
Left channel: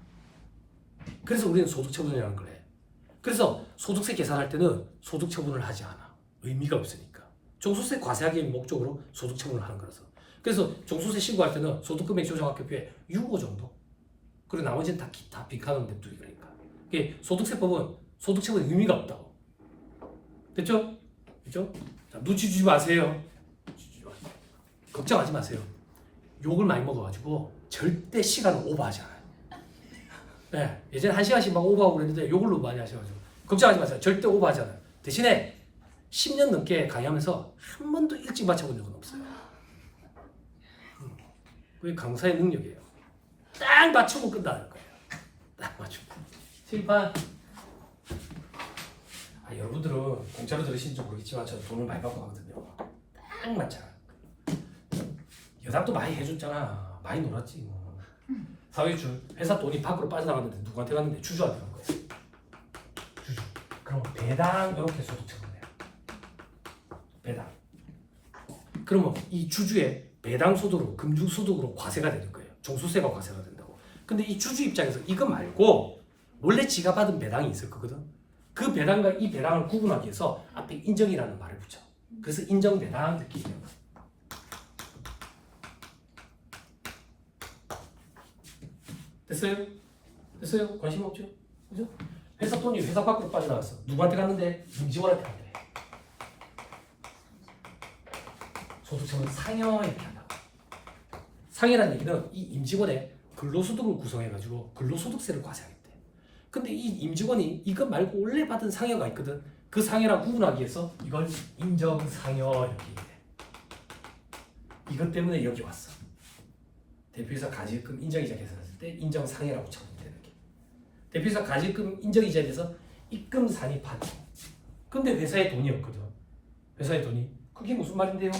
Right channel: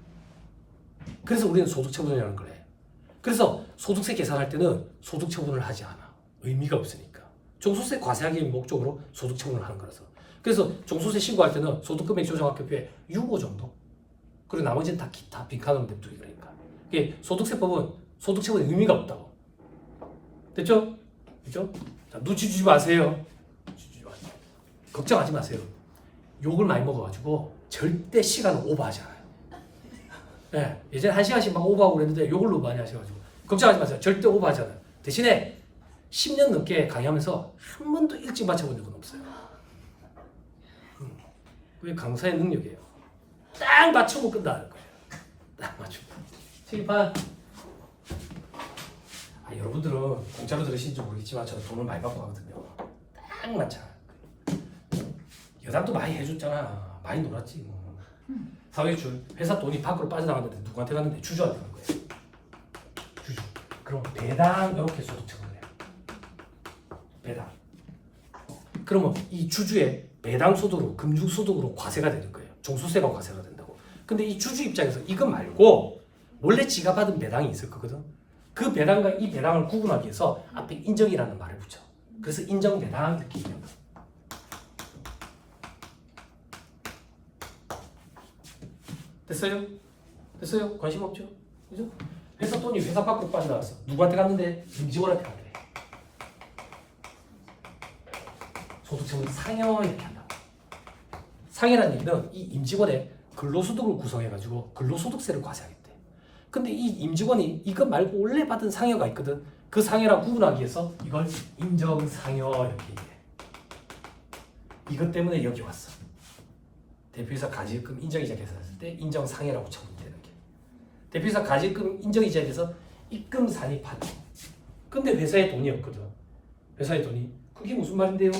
그래서 우리는 소득처분이라는 거래. 그래서 소득세 계산할 때는 소득처분을 하지 않아. 의미가 없으니까. 종소세 과세하기 목적으로 소득처분을 하는 거라서. 그래서 종소세 신고할 때는 소득금액 조정학급표에 6호 정도. 그리고 나머지는 다 기타 빈칸으로 냅두기 그러니까. 이게 소득세법은 소득처분에 의미가 없다고. 됐죠? 됐죠? 자, 눈치 주지 마세요. 걱정하지 마세요. 욕을 많이 먹어가지고 절대 시간을 오버하지 않아요. 네, 예전에 1시간씩 막 오버하고 그랬는데 요걸로 많이 하셔가지고 걱정하지 마세요. 절대 오버하지 않아요. 대신에 10년 넘게 강의하면서 한 번도 일찍 맞춰본 적은 없어요. 그게 강사의 능력이에요. 딱 맞추고 끝나는 거예요. 딱 맞추고. 칠판. 여러분들은 공짜로 들으신지 모르겠지만 저는 돈을 많이 받고 가거든요. 딱 맞춰. 여담도 많이 해줬잖아. 많이 놀았지 뭐. 사회출 회사 돈이 밖으로 빠져나갔는데 누구한테 갔는데 주주한테 간 거예요. 주주. 그럼 배당 이렇게 소득 처분을 해요. 배당. 그러면 이 주주의 배당 소득으로 금융 소득으로 과세가 되는 거예요. 종소세가 과세가 된다고. 근데 이 주주 입장에서 이거 말고 원래 지가 받은 배당이 있을 거거든. 그 배당과 이 배당을 구분하기 위해서 앞에 인정이라는 말을 붙여. 그래서 인정 배당 이렇게 얘기해요. 됐어요? 됐어요? 관심 없죠? 그죠? 회사 돈이 회사 밖으로 빠져나갔어. 누구한테 갔는데? 임직원한테 간 거예요. 소득처분 상여 이렇게 한다고. 상여라는 얘기는 이 임직원의 근로소득을 구성해가지고 근로소득세를 과세하겠대. 근데 이 임직원이 이거 말고 원래 받은 상여가 있거든. 그 상여랑 구분하기 위해서 이걸 인정상여 이렇게 얘기해. 이것 때문에 여기 왔어. 대표이사 가지금 인정이자 계산했을 때 인정상여라고 처분되는 게. 대표이사 가지금 인정이자에 대해서 입금산이 받고. 근데 회사에 돈이 없거든. 회사에 돈이. 그게 무슨 말인데요?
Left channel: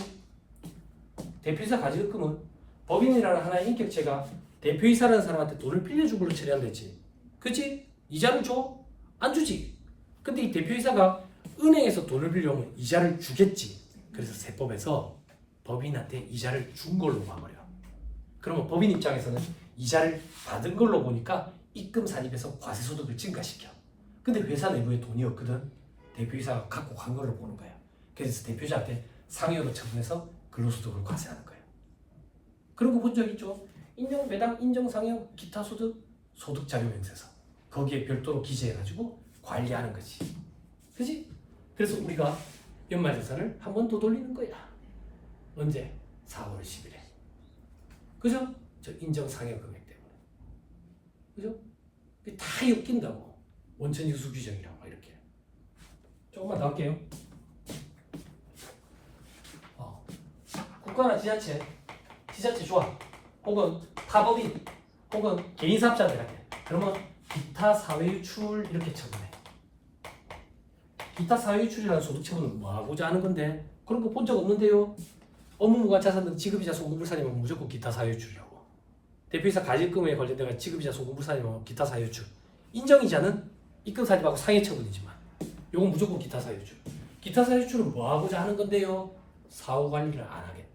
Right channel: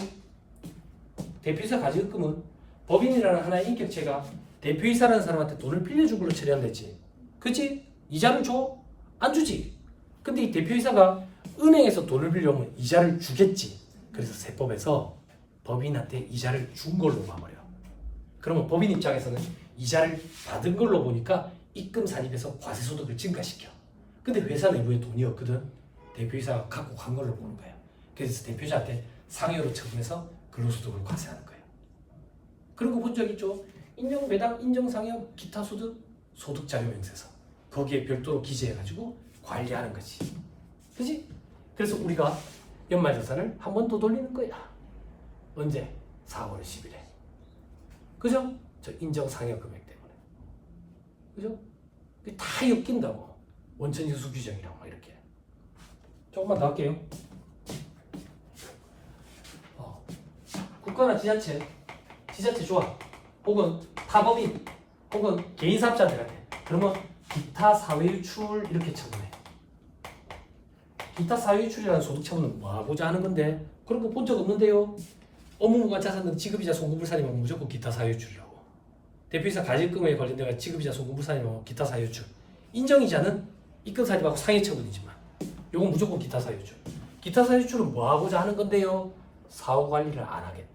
대표이사 가지금은 법인이라는 하나의 인격체가 대표이사라는 사람한테 돈을 빌려준 걸로 처리한다 했지. 그치? 이자를 줘? 안 주지. 근데 이 대표이사가 은행에서 돈을 빌려오면 이자를 주겠지. 그래서 세법에서 법인한테 이자를 준 걸로 봐버려. 그러면 법인 입장에서는 이자를 받은 걸로 보니까 입금 산입에서 과세소득을 증가시켜. 근데 회사 내부에 돈이 없거든. 대표이사가 갖고 간 걸로 보는 거야. 그래서 대표이사한테 상여로 처분해서 근로소득을 과세하는 거예요. 그런 거 본 적 있죠? 인정 배당, 인정 상여, 기타 소득, 소득자료명세서. 거기에 별도로 기재해가지고 관리하는 거지. 그지? 그래서 우리가 연말자산을 한 번 더 돌리는 거야. 언제? 4월 10일에. 그죠? 저 인정상여 금액 때문에. 그죠? 이게 다 엮인다고. 원천징수 규정이랑 막 이렇게. 조금만 더 할게요. 국가나 지자체 좋아. 혹은 타법인, 혹은 개인사업자한테 같아. 그러면 기타 사회유출 이렇게 처분해. 기타 사회유출이라는 소득처분은 뭐 하고자 하는 건데 그런 거 본 적 없는데요. 업무무관 자산 등 지급이자 송금불산이면 무조건 기타 사회유출이라고. 대표이사 가질금에 관련된 지급이자 송금불산이면 기타 사회유출. 인정이자는 입금사립하고 상해처분이지만 요건 무조건 기타 사회유출. 기타 사회유출은 뭐 하고자 하는 건데요. 사후관리를 안 하겠대.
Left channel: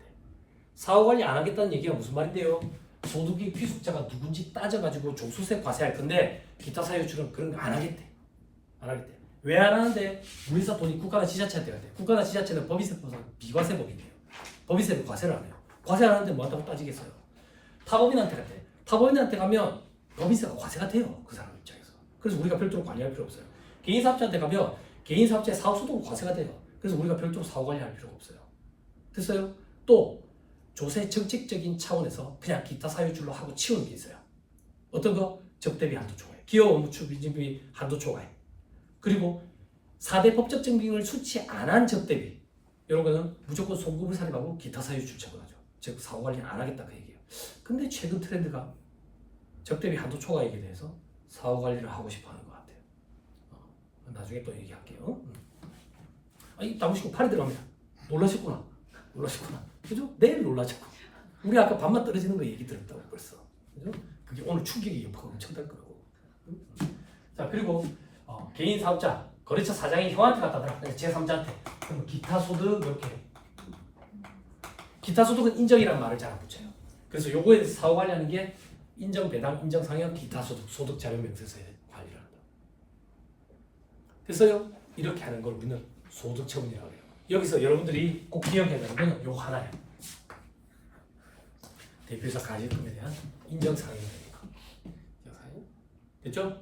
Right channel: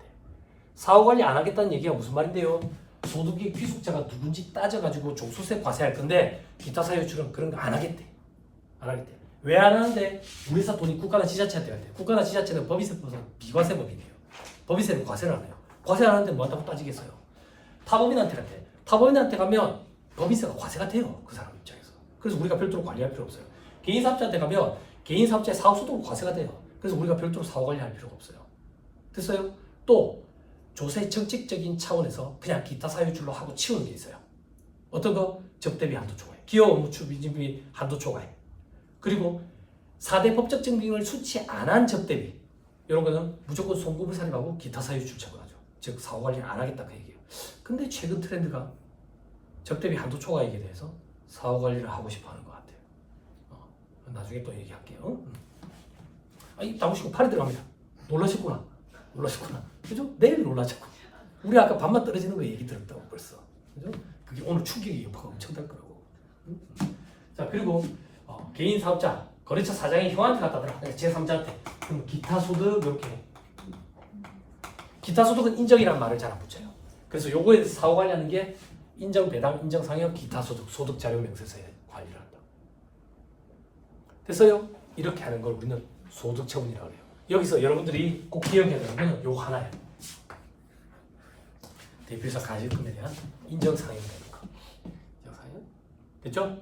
사후관리 안 하겠다는 얘기가 무슨 말인데요. 소득의 귀속자가 누군지 따져가지고 종소세 과세할 건데 기타 사회유출은 그런 거 안 하겠대. 안 하겠대. 왜 안 하는데? 우리 회사 돈이 국가나 지자체한테 갈 때. 국가나 지자체는 법인세법은 비과세법이에요. 법인세는 과세를 안 해요. 과세 안 하는데 뭐 한다고 따지겠어요. 타법인한테 갈 때. 타법인한테 가면 법인세가 과세가 돼요. 그 사람 입장에서. 그래서 우리가 별도로 관리할 필요 없어요. 개인사업자한테 가면 개인사업자의 사업소득은 과세가 돼요. 그래서 우리가 별도로 사후관리할 필요가 없어요. 됐어요? 또 조세 정책적인 차원에서 그냥 기타 사유출로 하고 치우는 게 있어요. 어떤 거? 접대비 한도 초과해. 기업 업무 추진비 한도 초과해. 그리고 4대 법적 증빙을 수치 안 한 접대비 이런 거는 무조건 송금을 산입하고 기타 사유출 처분하죠. 즉 사후관리를 안 하겠다 그 얘기예요. 근데 최근 트렌드가 접대비 한도 초과 얘기에 대해서 사후관리를 하고 싶어 하는 것 같아요. 나중에 또 얘기할게요. 입 다무시고 팔이 들어갑니다. 놀라셨구나. 그죠? 내일 놀라셨고. 우리 아까 밤만 떨어지는 거 얘기 들었다고 벌써. 그죠? 그게 오늘 충격이 여파가 엄청날 거라고. 자, 그리고 개인 사업자, 거래처 사장이 형한테 갖다 대라. 제3자한테. 그럼 기타 소득 이렇게. 기타 소득은 인정이라는 말을 잘 안 붙여요. 그래서 요거에 대해서 사후 관리하는 게 인정 배당, 인정 상여, 기타 소득, 소득 자료 명세서에 관리를 한다. 됐어요? 이렇게 하는 걸 우리는 소득 처분이라고 해요. 여기서 여러분들이 꼭 기억해야 되는 건 요 하나예요. 대표이사 가질금에 대한 인정상여가 되는 거. 인정상여? 됐죠?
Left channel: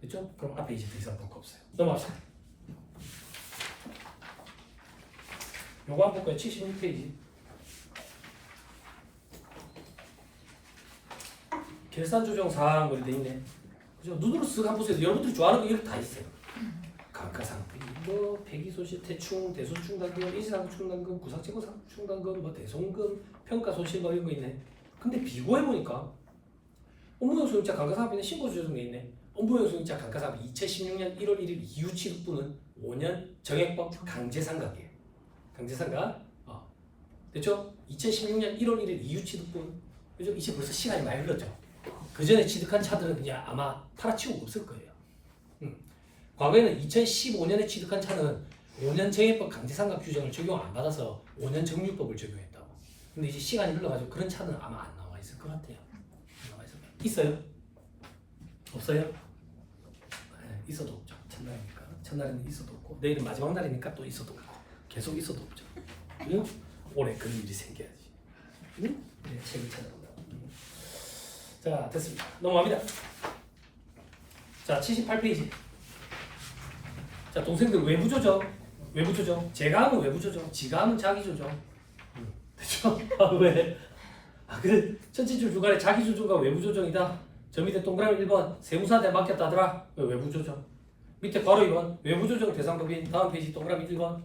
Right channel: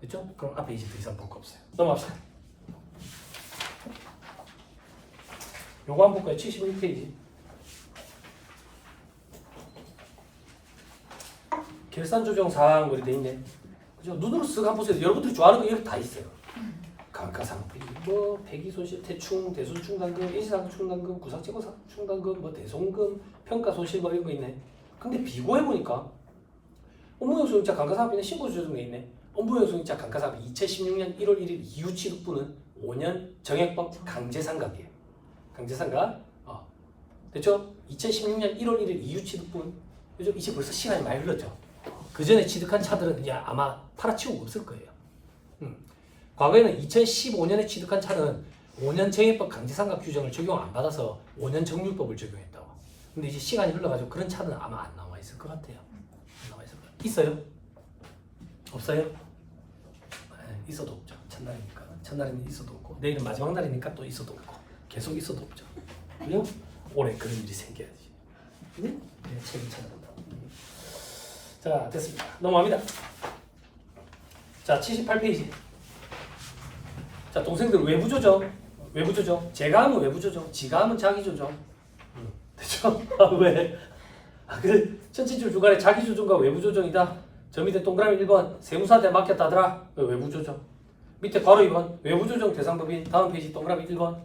됐죠? 그럼 앞에 이제 더 이상 볼 거 없어요. 넘어갑시다. 요거 한번 볼까요? 71페이지. 결산 조정 사항 그리 돼 있네. 그죠? 눈으로 쓱 한번 보세요. 여러분들이 좋아하는 거 이렇게 다 있어요. 감가상각, 뭐 폐기손실, 대충, 대손충당금, 일시상충당금, 구상채권상충당금, 뭐 대손금, 평가손실 뭐 이런 거 있네. 근데 비교해보니까 업무용소임자 감가상각비는 신고조정돼 있네. 업무용소임자 감가상각비 2016년 1월 1일 이후 취득분은 5년 정액법 강제상각이에요. 강제상각. 됐죠? 2016년 1월 1일 이후 취득분. 그죠? 이제 벌써 시간이 많이 흘렀죠. 그 전에 취득한 차들은 그냥 아마 팔아치우고 없을 거예요. 과거에는 2015년에 취득한 차는 5년 정액법 강제상각 규정을 적용 안 받아서 5년 정률법을 적용했다고. 근데 이제 시간이 흘러가지고 그런 차는 아마 안 나와 있을 것 같아요. 안 나와 있을 거예요. 있어요? 없어요? 네, 있어도 없죠. 첫날이니까. 첫날에는 있어도 없고 내일은 마지막 날이니까 또 있어도 없고 계속 있어도 없죠. 그죠? 올해 그런 일이 생겨야지. 응? 네, 책을 찾아본다. 자, 됐습니다. 넘어갑니다. 자, 78페이지. 자, 동생들 외부 조정. 외부 조정. 제가 하면 외부 조정, 지가 하면 자기 조정. 됐죠? 왜? 그 전체 줄 중간에 자기 조정과 외부 조정이다. 저 밑에 동그라미 1번 세무사한테 맡겼다더라. 외부 조정. 밑에 바로 2번 외부 조정 대상 법인. 다음 페이지 동그라미 1번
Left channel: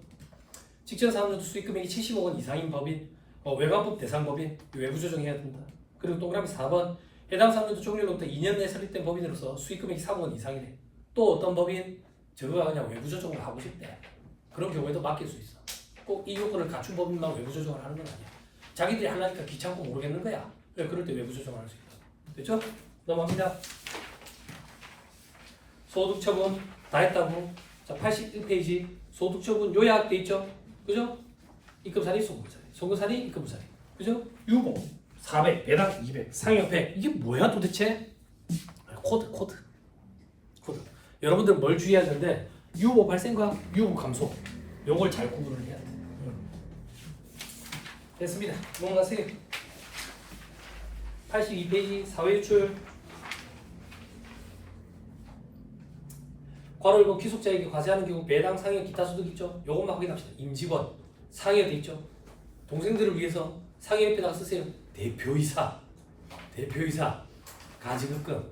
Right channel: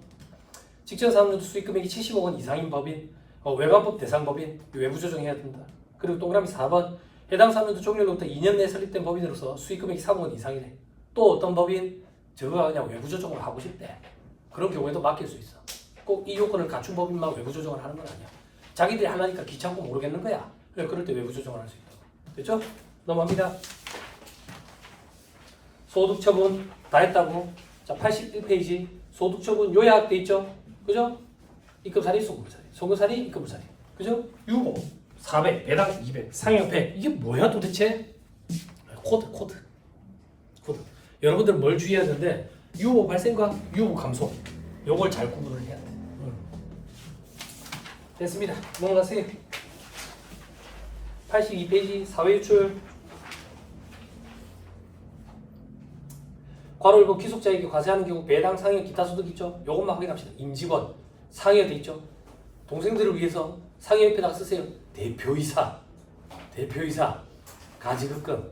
직전 사업용도 수익 금액이 70억 원 이상인 법인. 외관법 대상 법인. 외부 조정해야 된다. 그리고 동그라미 4번 해당 사업용도 종료로부터 2년 내에 설립된 법인으로서 수익 금액이 3억 원 이상이네. 또 어떤 법인? 저거가 그냥 외부 조정을 하고 싶대. 그런 경우에도 맡길 수 있어. 꼭 이 요건을 갖춘 법인만 외부 조정을 하는 건 아니야. 자기들이 하려니까 귀찮고 모르겠는 거야. 그럴 때 외부 조정을 할 수 있다. 됐죠? 넘어갑니다. 소득처분 다 했다고. 자, 81페이지 소득처분 요약돼 있죠? 그죠? 입금사리, 소금사리, 소금사리, 입금사리. 그죠? 유보 400, 배당 200, 상여 100. 이게 뭐야 도대체? 코드. 여러분들 뭘 주의해야 되는데 유보 발생과 유보 감소 요걸 잘 구분을 해야 돼. 됐습니다. 넘어가세요. 82페이지 사회유출. 괄호 1번 기속자에게 과세하는 경우 배당, 상여, 기타 소득 있죠? 요것만 확인합시다. 임직원, 상여돼 있죠? 동생들을 위해서 상여협회에다가 쓰세요. 대표이사, 가지급금.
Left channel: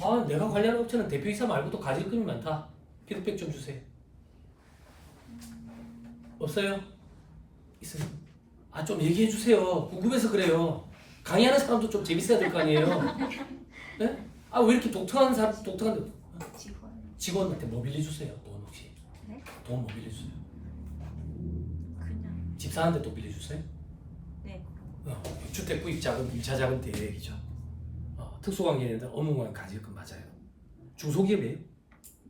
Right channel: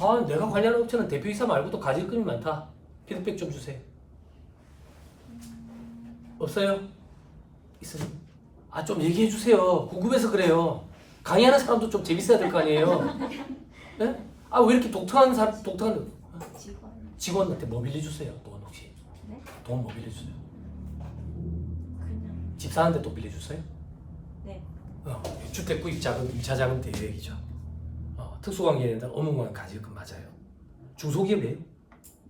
아, 내가 관리하는 업체는 대표이사 말고도 가지급금이 많다. 피드백 좀 주세요. 없어요? 있어요? 아, 좀 얘기해 주세요. 궁금해서 그래요. 강의하는 사람도 좀 재밌어야 될 거 아니에요? 네? 아, 왜 이렇게 독특한 직원한테 뭐 빌려주세요? 돈 혹시? 네? 돈 뭐 빌려주세요? 그냥 집사한테 돈 빌려주세요? 네. 주택 구입 자금, 2차 자금 대여액이죠. 특수관계인데 업무만 가지급금 맞아요. 중소기업이에요?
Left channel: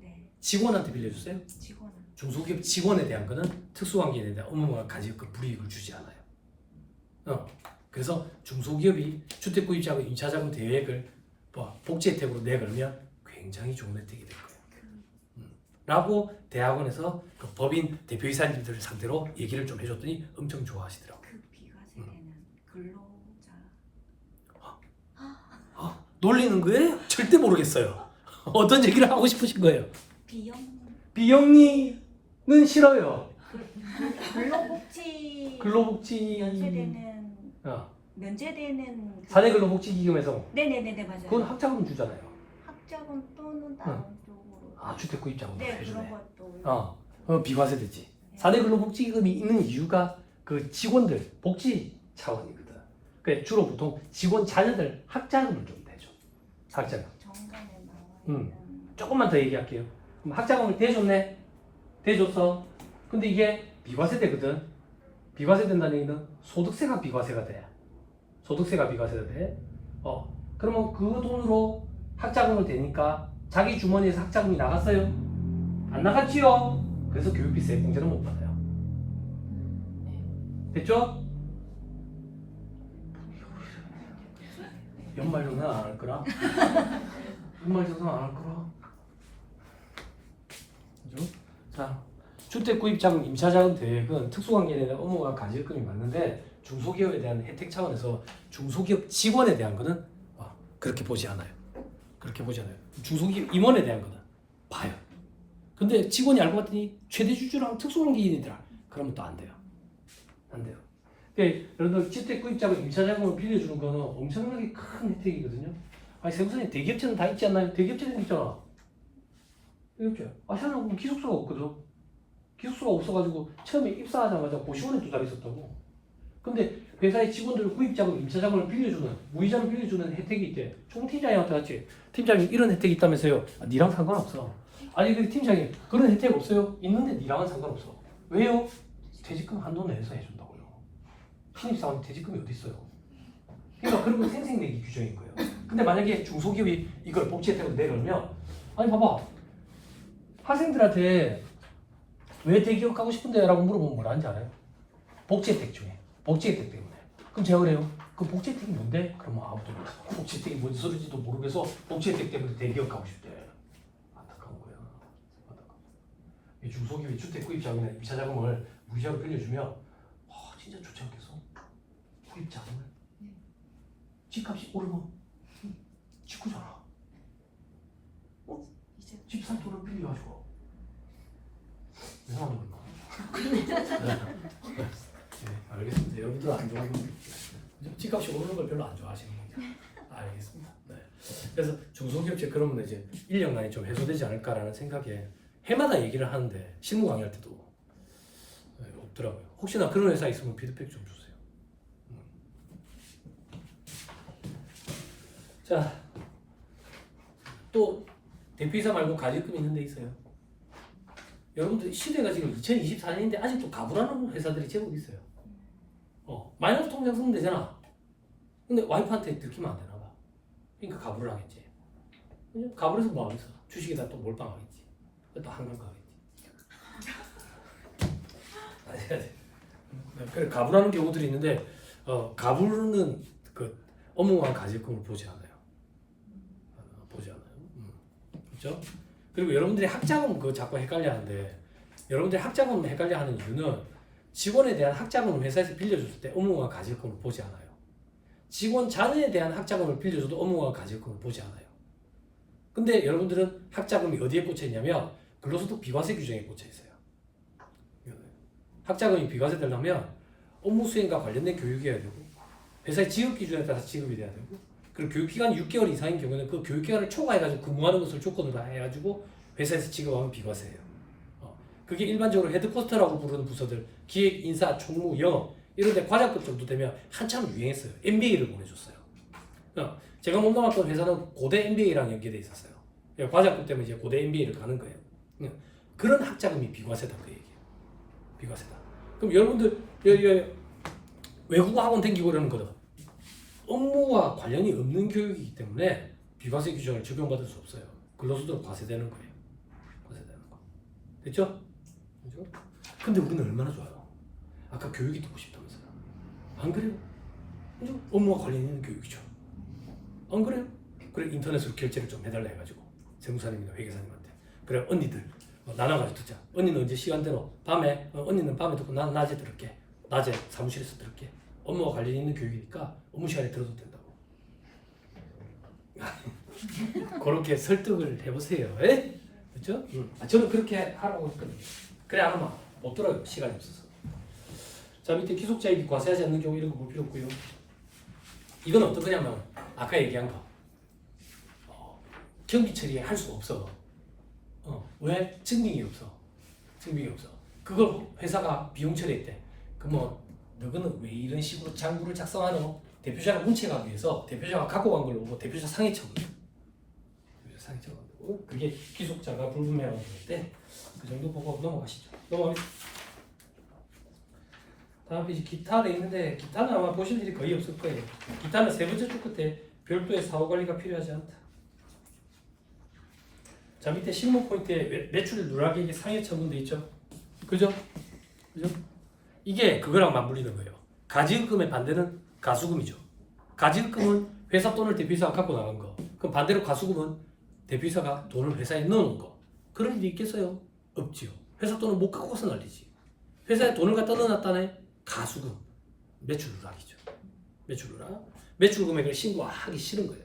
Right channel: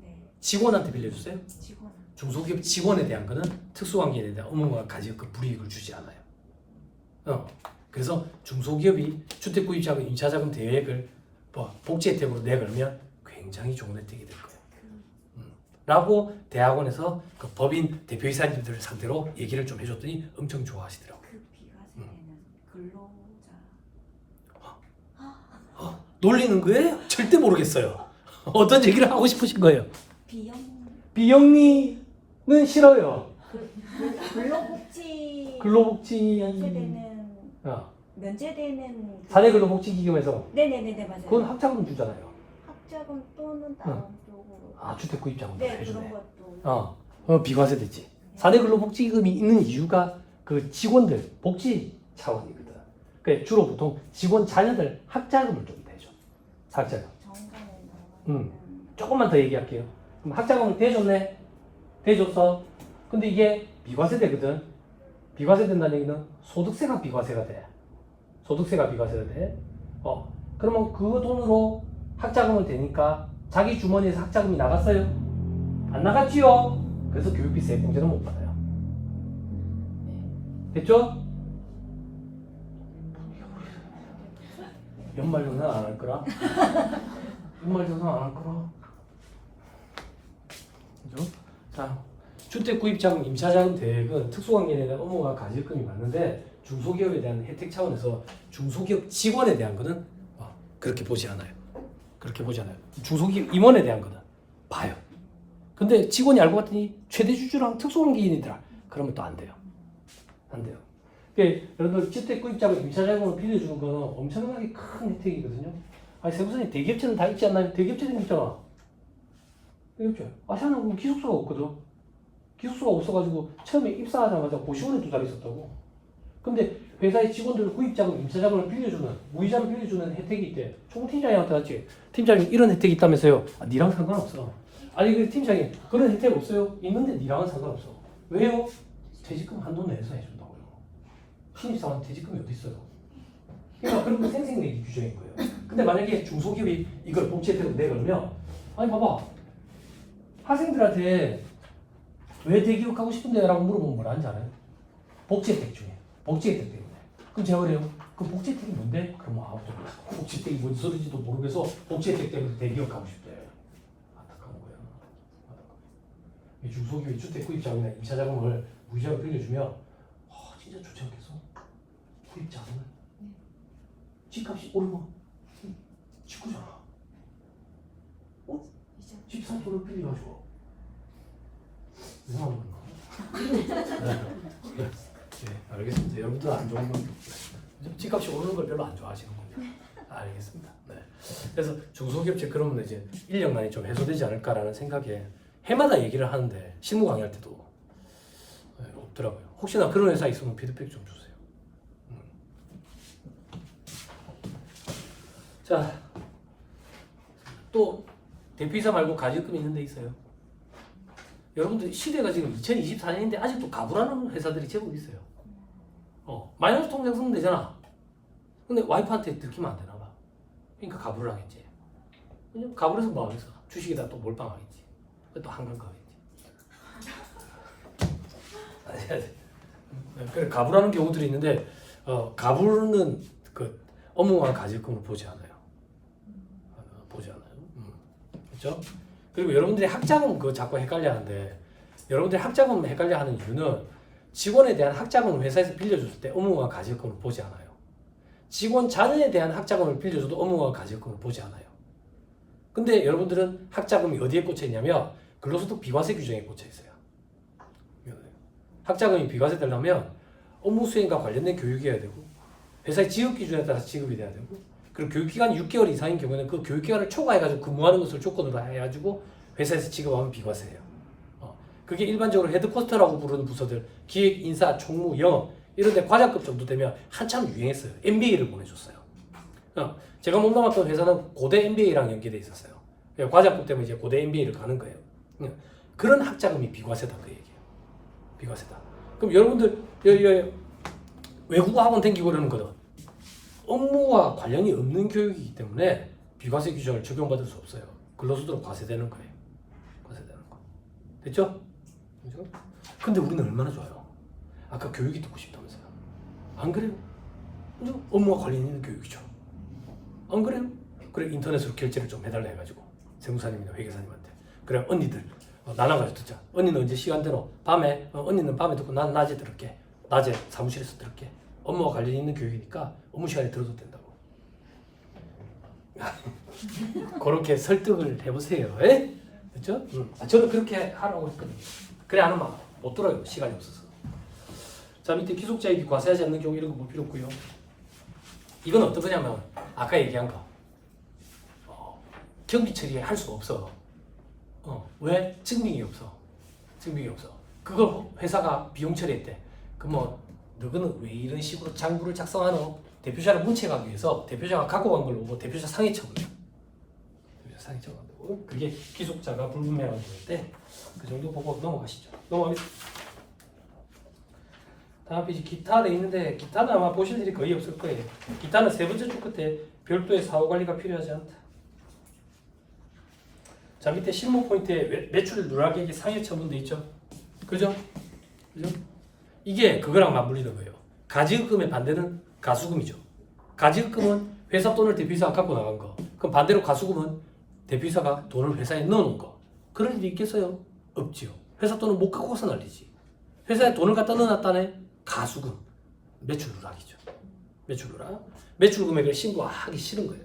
네. 직원한테 빌려주세요? 직원. 중소기업 직원에 대한 거는 특수관계인에 대한 업무만 가지급금 불이익을 주지 않아요. 그래서 중소기업이 주택 구입 자금, 2차 자금 대여액을 복지 혜택으로 내걸면 굉장히 좋은 혜택이 될 거예요. 라고 대학원에서 그 법인 대표이사님들을 상대로 얘기를 좀 해줬더니 엄청 좋아하시더라고요. 그 비과세되는 근로자. 놀리는 거예요? 절대 모르겠어요. 어떤 얘기를 하고 싶으신 거예요? 비영 비영리는 싫어요. 근로복지 근로복지 면제되는 사내근로복지기금에서 네네네 맞아요. 그건 학자금 주잖아요. 학자금 또는 다른 쪽으로. 주택 구입자금. 네 해주네. 그런 것도. 비과세 되지. 사내근로복지기금이 있는 이유가 그 직원들 복지 차원이거든. 그러니까 주로 보통 직원 자녀들 학자금을 좀 대줘. 학자금. 정관에 나와 있는. 조금만 더 얘기할게요. 그럼 학자금을 대줬네. 대줬어. 근데 이게 비과세 되거든. 비과세 된다는 얘기는 소득세가 비과세가 돼. 소득세가 비과세가 돼. 그러면 그 돈으로 학자금을 대니까 자기 주머니에서 학자금이 나갔어요? 안 나갔지요? 그래서 교육비 세공제는 못 받아요. 됐죠? 연말 정산 안 할 거라? 연말 정산 안 할 거라? 그죠? 자, 주택 구입자금, 임차자금 대액은 특수관계에 대한 업무와 가지급금이 맞는데 중소기업에 대한 혜택 차원에서 중소기업 직원에 대한 거는 그렇게 보지 않아요. 그렇게 보지 않아요. 중소기업 임원에 대한 거는 봐요. 근데 직원이 알고 봤더니 최대 주주랑 특수관계인이더라. 그러면 또 안 돼요. 안 돼요. 그러니까 여러분들 주택 구입자금, 임차자금을 빌려주는 거는 엄청나게 큰 혜택이거든요. 아니 세무사님 대기업체는 다 있지 않나요? 대기업체는 있잖아. 대기업체. 아시아는 그럼 기숙사가 없거든. 기숙사가 없어가지고 처음에 입사하자마자 고시원에 두 달 있었다고. 근데 회사의 직원들 구입자금, 임차자금을 빌려주는, 무이자를 빌려주는 혜택이 있대. 총팀장님한테 왔지. 팀장님 이런 혜택이 있다면서요. 아, 니랑 상관없어. 아니 그 팀장님 그런 혜택 없어요? 있는데 니랑은 상관없어. 왜요? 퇴직금 한도 내에서 해준다고요. 신입사원 퇴직금이 어디 있어요? 그러니까 그런 생생내기 규정인 거예요. 근데 만약에 중소기업이 이걸 복지 혜택으로 내려면 아니 봐봐 학생들한테 왜 대기업 가고 싶은데? 라고 물어보면 뭐라 하는지 알아요? 복지 혜택 중에 복지 혜택 때문에. 그럼 제가 그래요. 그 복지 혜택이 뭔데? 그러면 아무도 몰라. 복지 혜택이 뭔 소리인지도 모르겠어. 복지 혜택 때문에 대기업 가고 싶대. 안타까운 거예요. 중소기업이 주택 구입자금이나 임차자금을 무이자로 빌려주면 진짜 좋지 않겠어? 구입자금을 집값이 오르면 직구잖아. 집 살 돈을 빌려가지고 뭐하는 건가? 네, 알겠습니다. 여러분들 안 좋은 건 집값이 오르는 걸 별로 안 좋아하시는군요. 알겠습니다. 네. 그래서 중소기업체 그러면 이제 인력난이 좀 해소되지 않을까라는 생각에 해마다 얘기를 하는데 실무 강의할 때도 없더라고요. 혹시나 그런 회사 있으면 피드백 좀 주세요. 자, 또 대표이사 말고 가지금 있는 데 있어요. 여러분들 시대가 지금 2024년인데 아직도 가불하는 회사들이 제법 있어요. 마이너스 통장 쓰면 되잖아. 근데 와이프한테 들키면 안 되나 봐. 그러니까 가불을 하겠지. 왜냐면 가불해서 뭐 하겠어? 주식에다 또 몰빵하겠지. 또 한강 가겠지. 그래 가불하는 경우들이 있는데 가불은 그 업무와 가지금을 보지 않아요. 보지 않아요. 그렇죠? 그리고 여러분들이 학자금 그거 자꾸 헷갈려하는데 여러분들이 학자금 헷갈려하는 이유는 직원에 대한 학자금을 회사에서 빌려줬을 때 업무와 가지금을 보지 않아요. 직원 자녀에 대한 학자금을 빌려줘도 업무와 가지금을 보지 않아요. 근데 여러분들은 학자금이 어디에 꽂혀 있냐면 근로소득 비과세 규정에 꽂혀 있어요. 학자금이 비과세 되려면 업무 수행과 관련된 교육이어야 되고 회사의 지급 기준에 따라서 지급이 돼야 되고 그리고 교육기간이 6개월 이상인 경우에는 그 교육기간을 초과해가지고 근무하는 것을 조건으로 해가지고 회사에서 지급하면 비과세예요. 그게 일반적으로 헤드쿼터라고 부르는 부서들 기획, 인사, 총무, 영업 이런 데 과장급 정도 되면 한참 유행했어요. MBA를 보내줬어요. 제가 몸담았던 회사는 고대 MBA랑 연계돼 있었어요. 과장급 때문에 이제 고대 MBA를 가는 거예요. 그런 학자금이 비과세다 그 얘기예요. 비과세다. 그럼 여러분들 외국어 학원 다니고 그러는 거는 업무와 관련이 없는 교육이기 때문에 비과세 규정을 적용받을 수 없어요. 근로소득으로 과세되는 거예요. 과세되는 거. 됐죠? 그죠? 근데 우리는 얼마나 좋아요. 아까 교육이 듣고 싶다면서요. 안 그래요? 그죠? 업무와 관련 있는 교육이죠. 안 그래요? 그래 인터넷으로 결제를 좀 해달라 해가지고 세무사님이나 회계사님한테 그래 언니들 나눠가지고 듣자. 언니는 언제 시간 되노? 밤에? 언니는 밤에 듣고 난 낮에 들을게. 낮에 사무실에서 들을게. 업무와 관련 있는 교육이니까 업무 시간에 들어도 된다고. 그렇게 설득을 해보세요. 에? 그렇죠? 저는 그렇게 하라고 했거든요. 그래 안 하면 못 들어요. 시간이 없어서. 자 밑에 귀속자익이 과세하지 않는 경우 이런 거 볼 필요 없고요. 이건 어떤 거냐면 아까 얘기한 거 경비 처리할 수가 없어. 왜? 증빙이 없어. 증빙이 없어. 그걸 회사가 비용 처리했대. 그뭐 너는 왜 이런 식으로 장부를 작성하노? 대표자를 문책하기 위해서 대표자가 갖고 간 걸로 보고 대표자 상해 처분. 대표자 상해 처분. 그게 귀속자가 불분명한 경우인데 그 정도 보고 넘어가시죠. 다음 페이지 기타 돼 있는데 기타는 아마 보실 일이 거의 없을 거예요. 기타는 세 번째 줄 끝에 별도의 사후 관리가 필요하지 않다. 자 밑에 실무 포인트에 매출 누락액이 상해 처분돼 있죠. 그죠? 그죠? 이게 그거랑 맞물리는 거예요. 가지급금의 반대는 가수금이죠. 가지급금은 회사 돈을 대표이사가 갖고 나간 거. 그럼 반대로 가수금은 대표이사가 돈을 회사에 넣어놓은 거. 그럴 일이 있겠어요? 없지요. 회사 돈을 못 갖고 가서 난리지. 회사에 돈을 갖다 넣어놨다네. 가수금. 매출 누락이죠. 매출 누락. 매출 금액을 신고하기 싫은 거예요.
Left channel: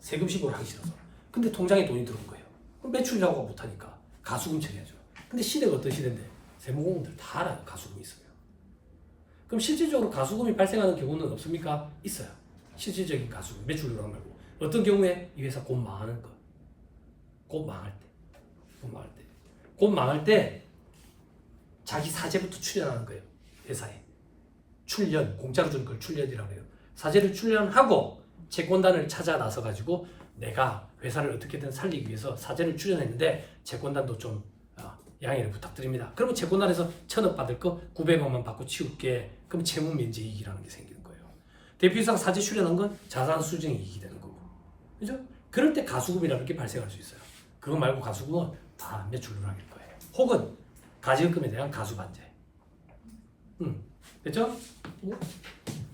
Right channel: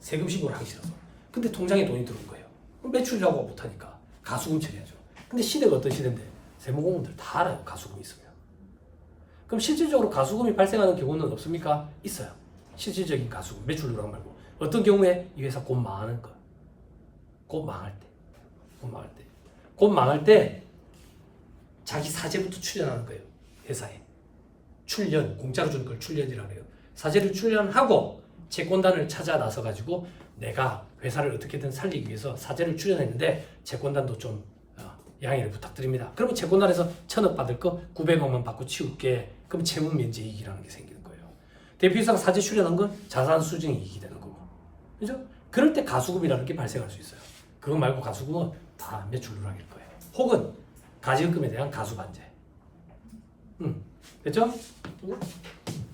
세금 신고를 하기 싫어서. 근데 통장에 돈이 들어온 거예요. 그럼 매출 자고가 못하니까 가수금 처리하죠. 근데 시대가 어떤 시대인데 세무공무원들 다 알아요. 가수금이 있으면. 그럼 실질적으로 가수금이 발생하는 경우는 없습니까? 있어요. 실질적인 가수금, 매출 누락 말고 어떤 경우에 이 회사 곧 망하는 거야. 곧 망할 때. 곧 망할 때 자기 사재부터 출연하는 거예요. 회사에. 출연, 공짜로 주는 걸 출연이라고 해요. 사재를 출연하고 채권단을 찾아 나서 가지고 내가 회사를 어떻게든 살리기 위해서 사재를 출연했는데 채권단도 좀 양해를 부탁드립니다. 그러면 채권단에서 1,000억 받을 거 900억만 받고 치울게. 그럼 채무 면제 이익이라는 게 생기는 거예요. 대표이사가 사재 출연한 건 자산 수증 이익이 되는 거고. 그죠? 그럴 때 가수급이라는 게 발생할 수 있어요. 그거 말고 가수급은 다 매출 누락일 거예요. 혹은 가지급금에 대한 가수반제. 됐죠?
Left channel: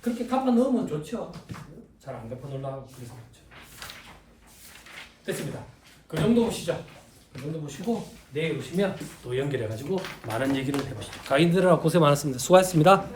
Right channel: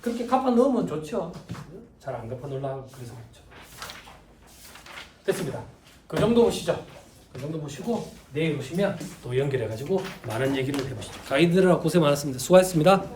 그렇게 갚아 넣으면 좋죠. 잘 안 갚아 넣으려고 그래서 그렇죠. 됐습니다. 그 정도 보시죠. 그 정도 보시고 내일 오시면 또 연결해가지고 많은 얘기를 해보시죠. 가이드들하고 고생 많았습니다. 수고하셨습니다.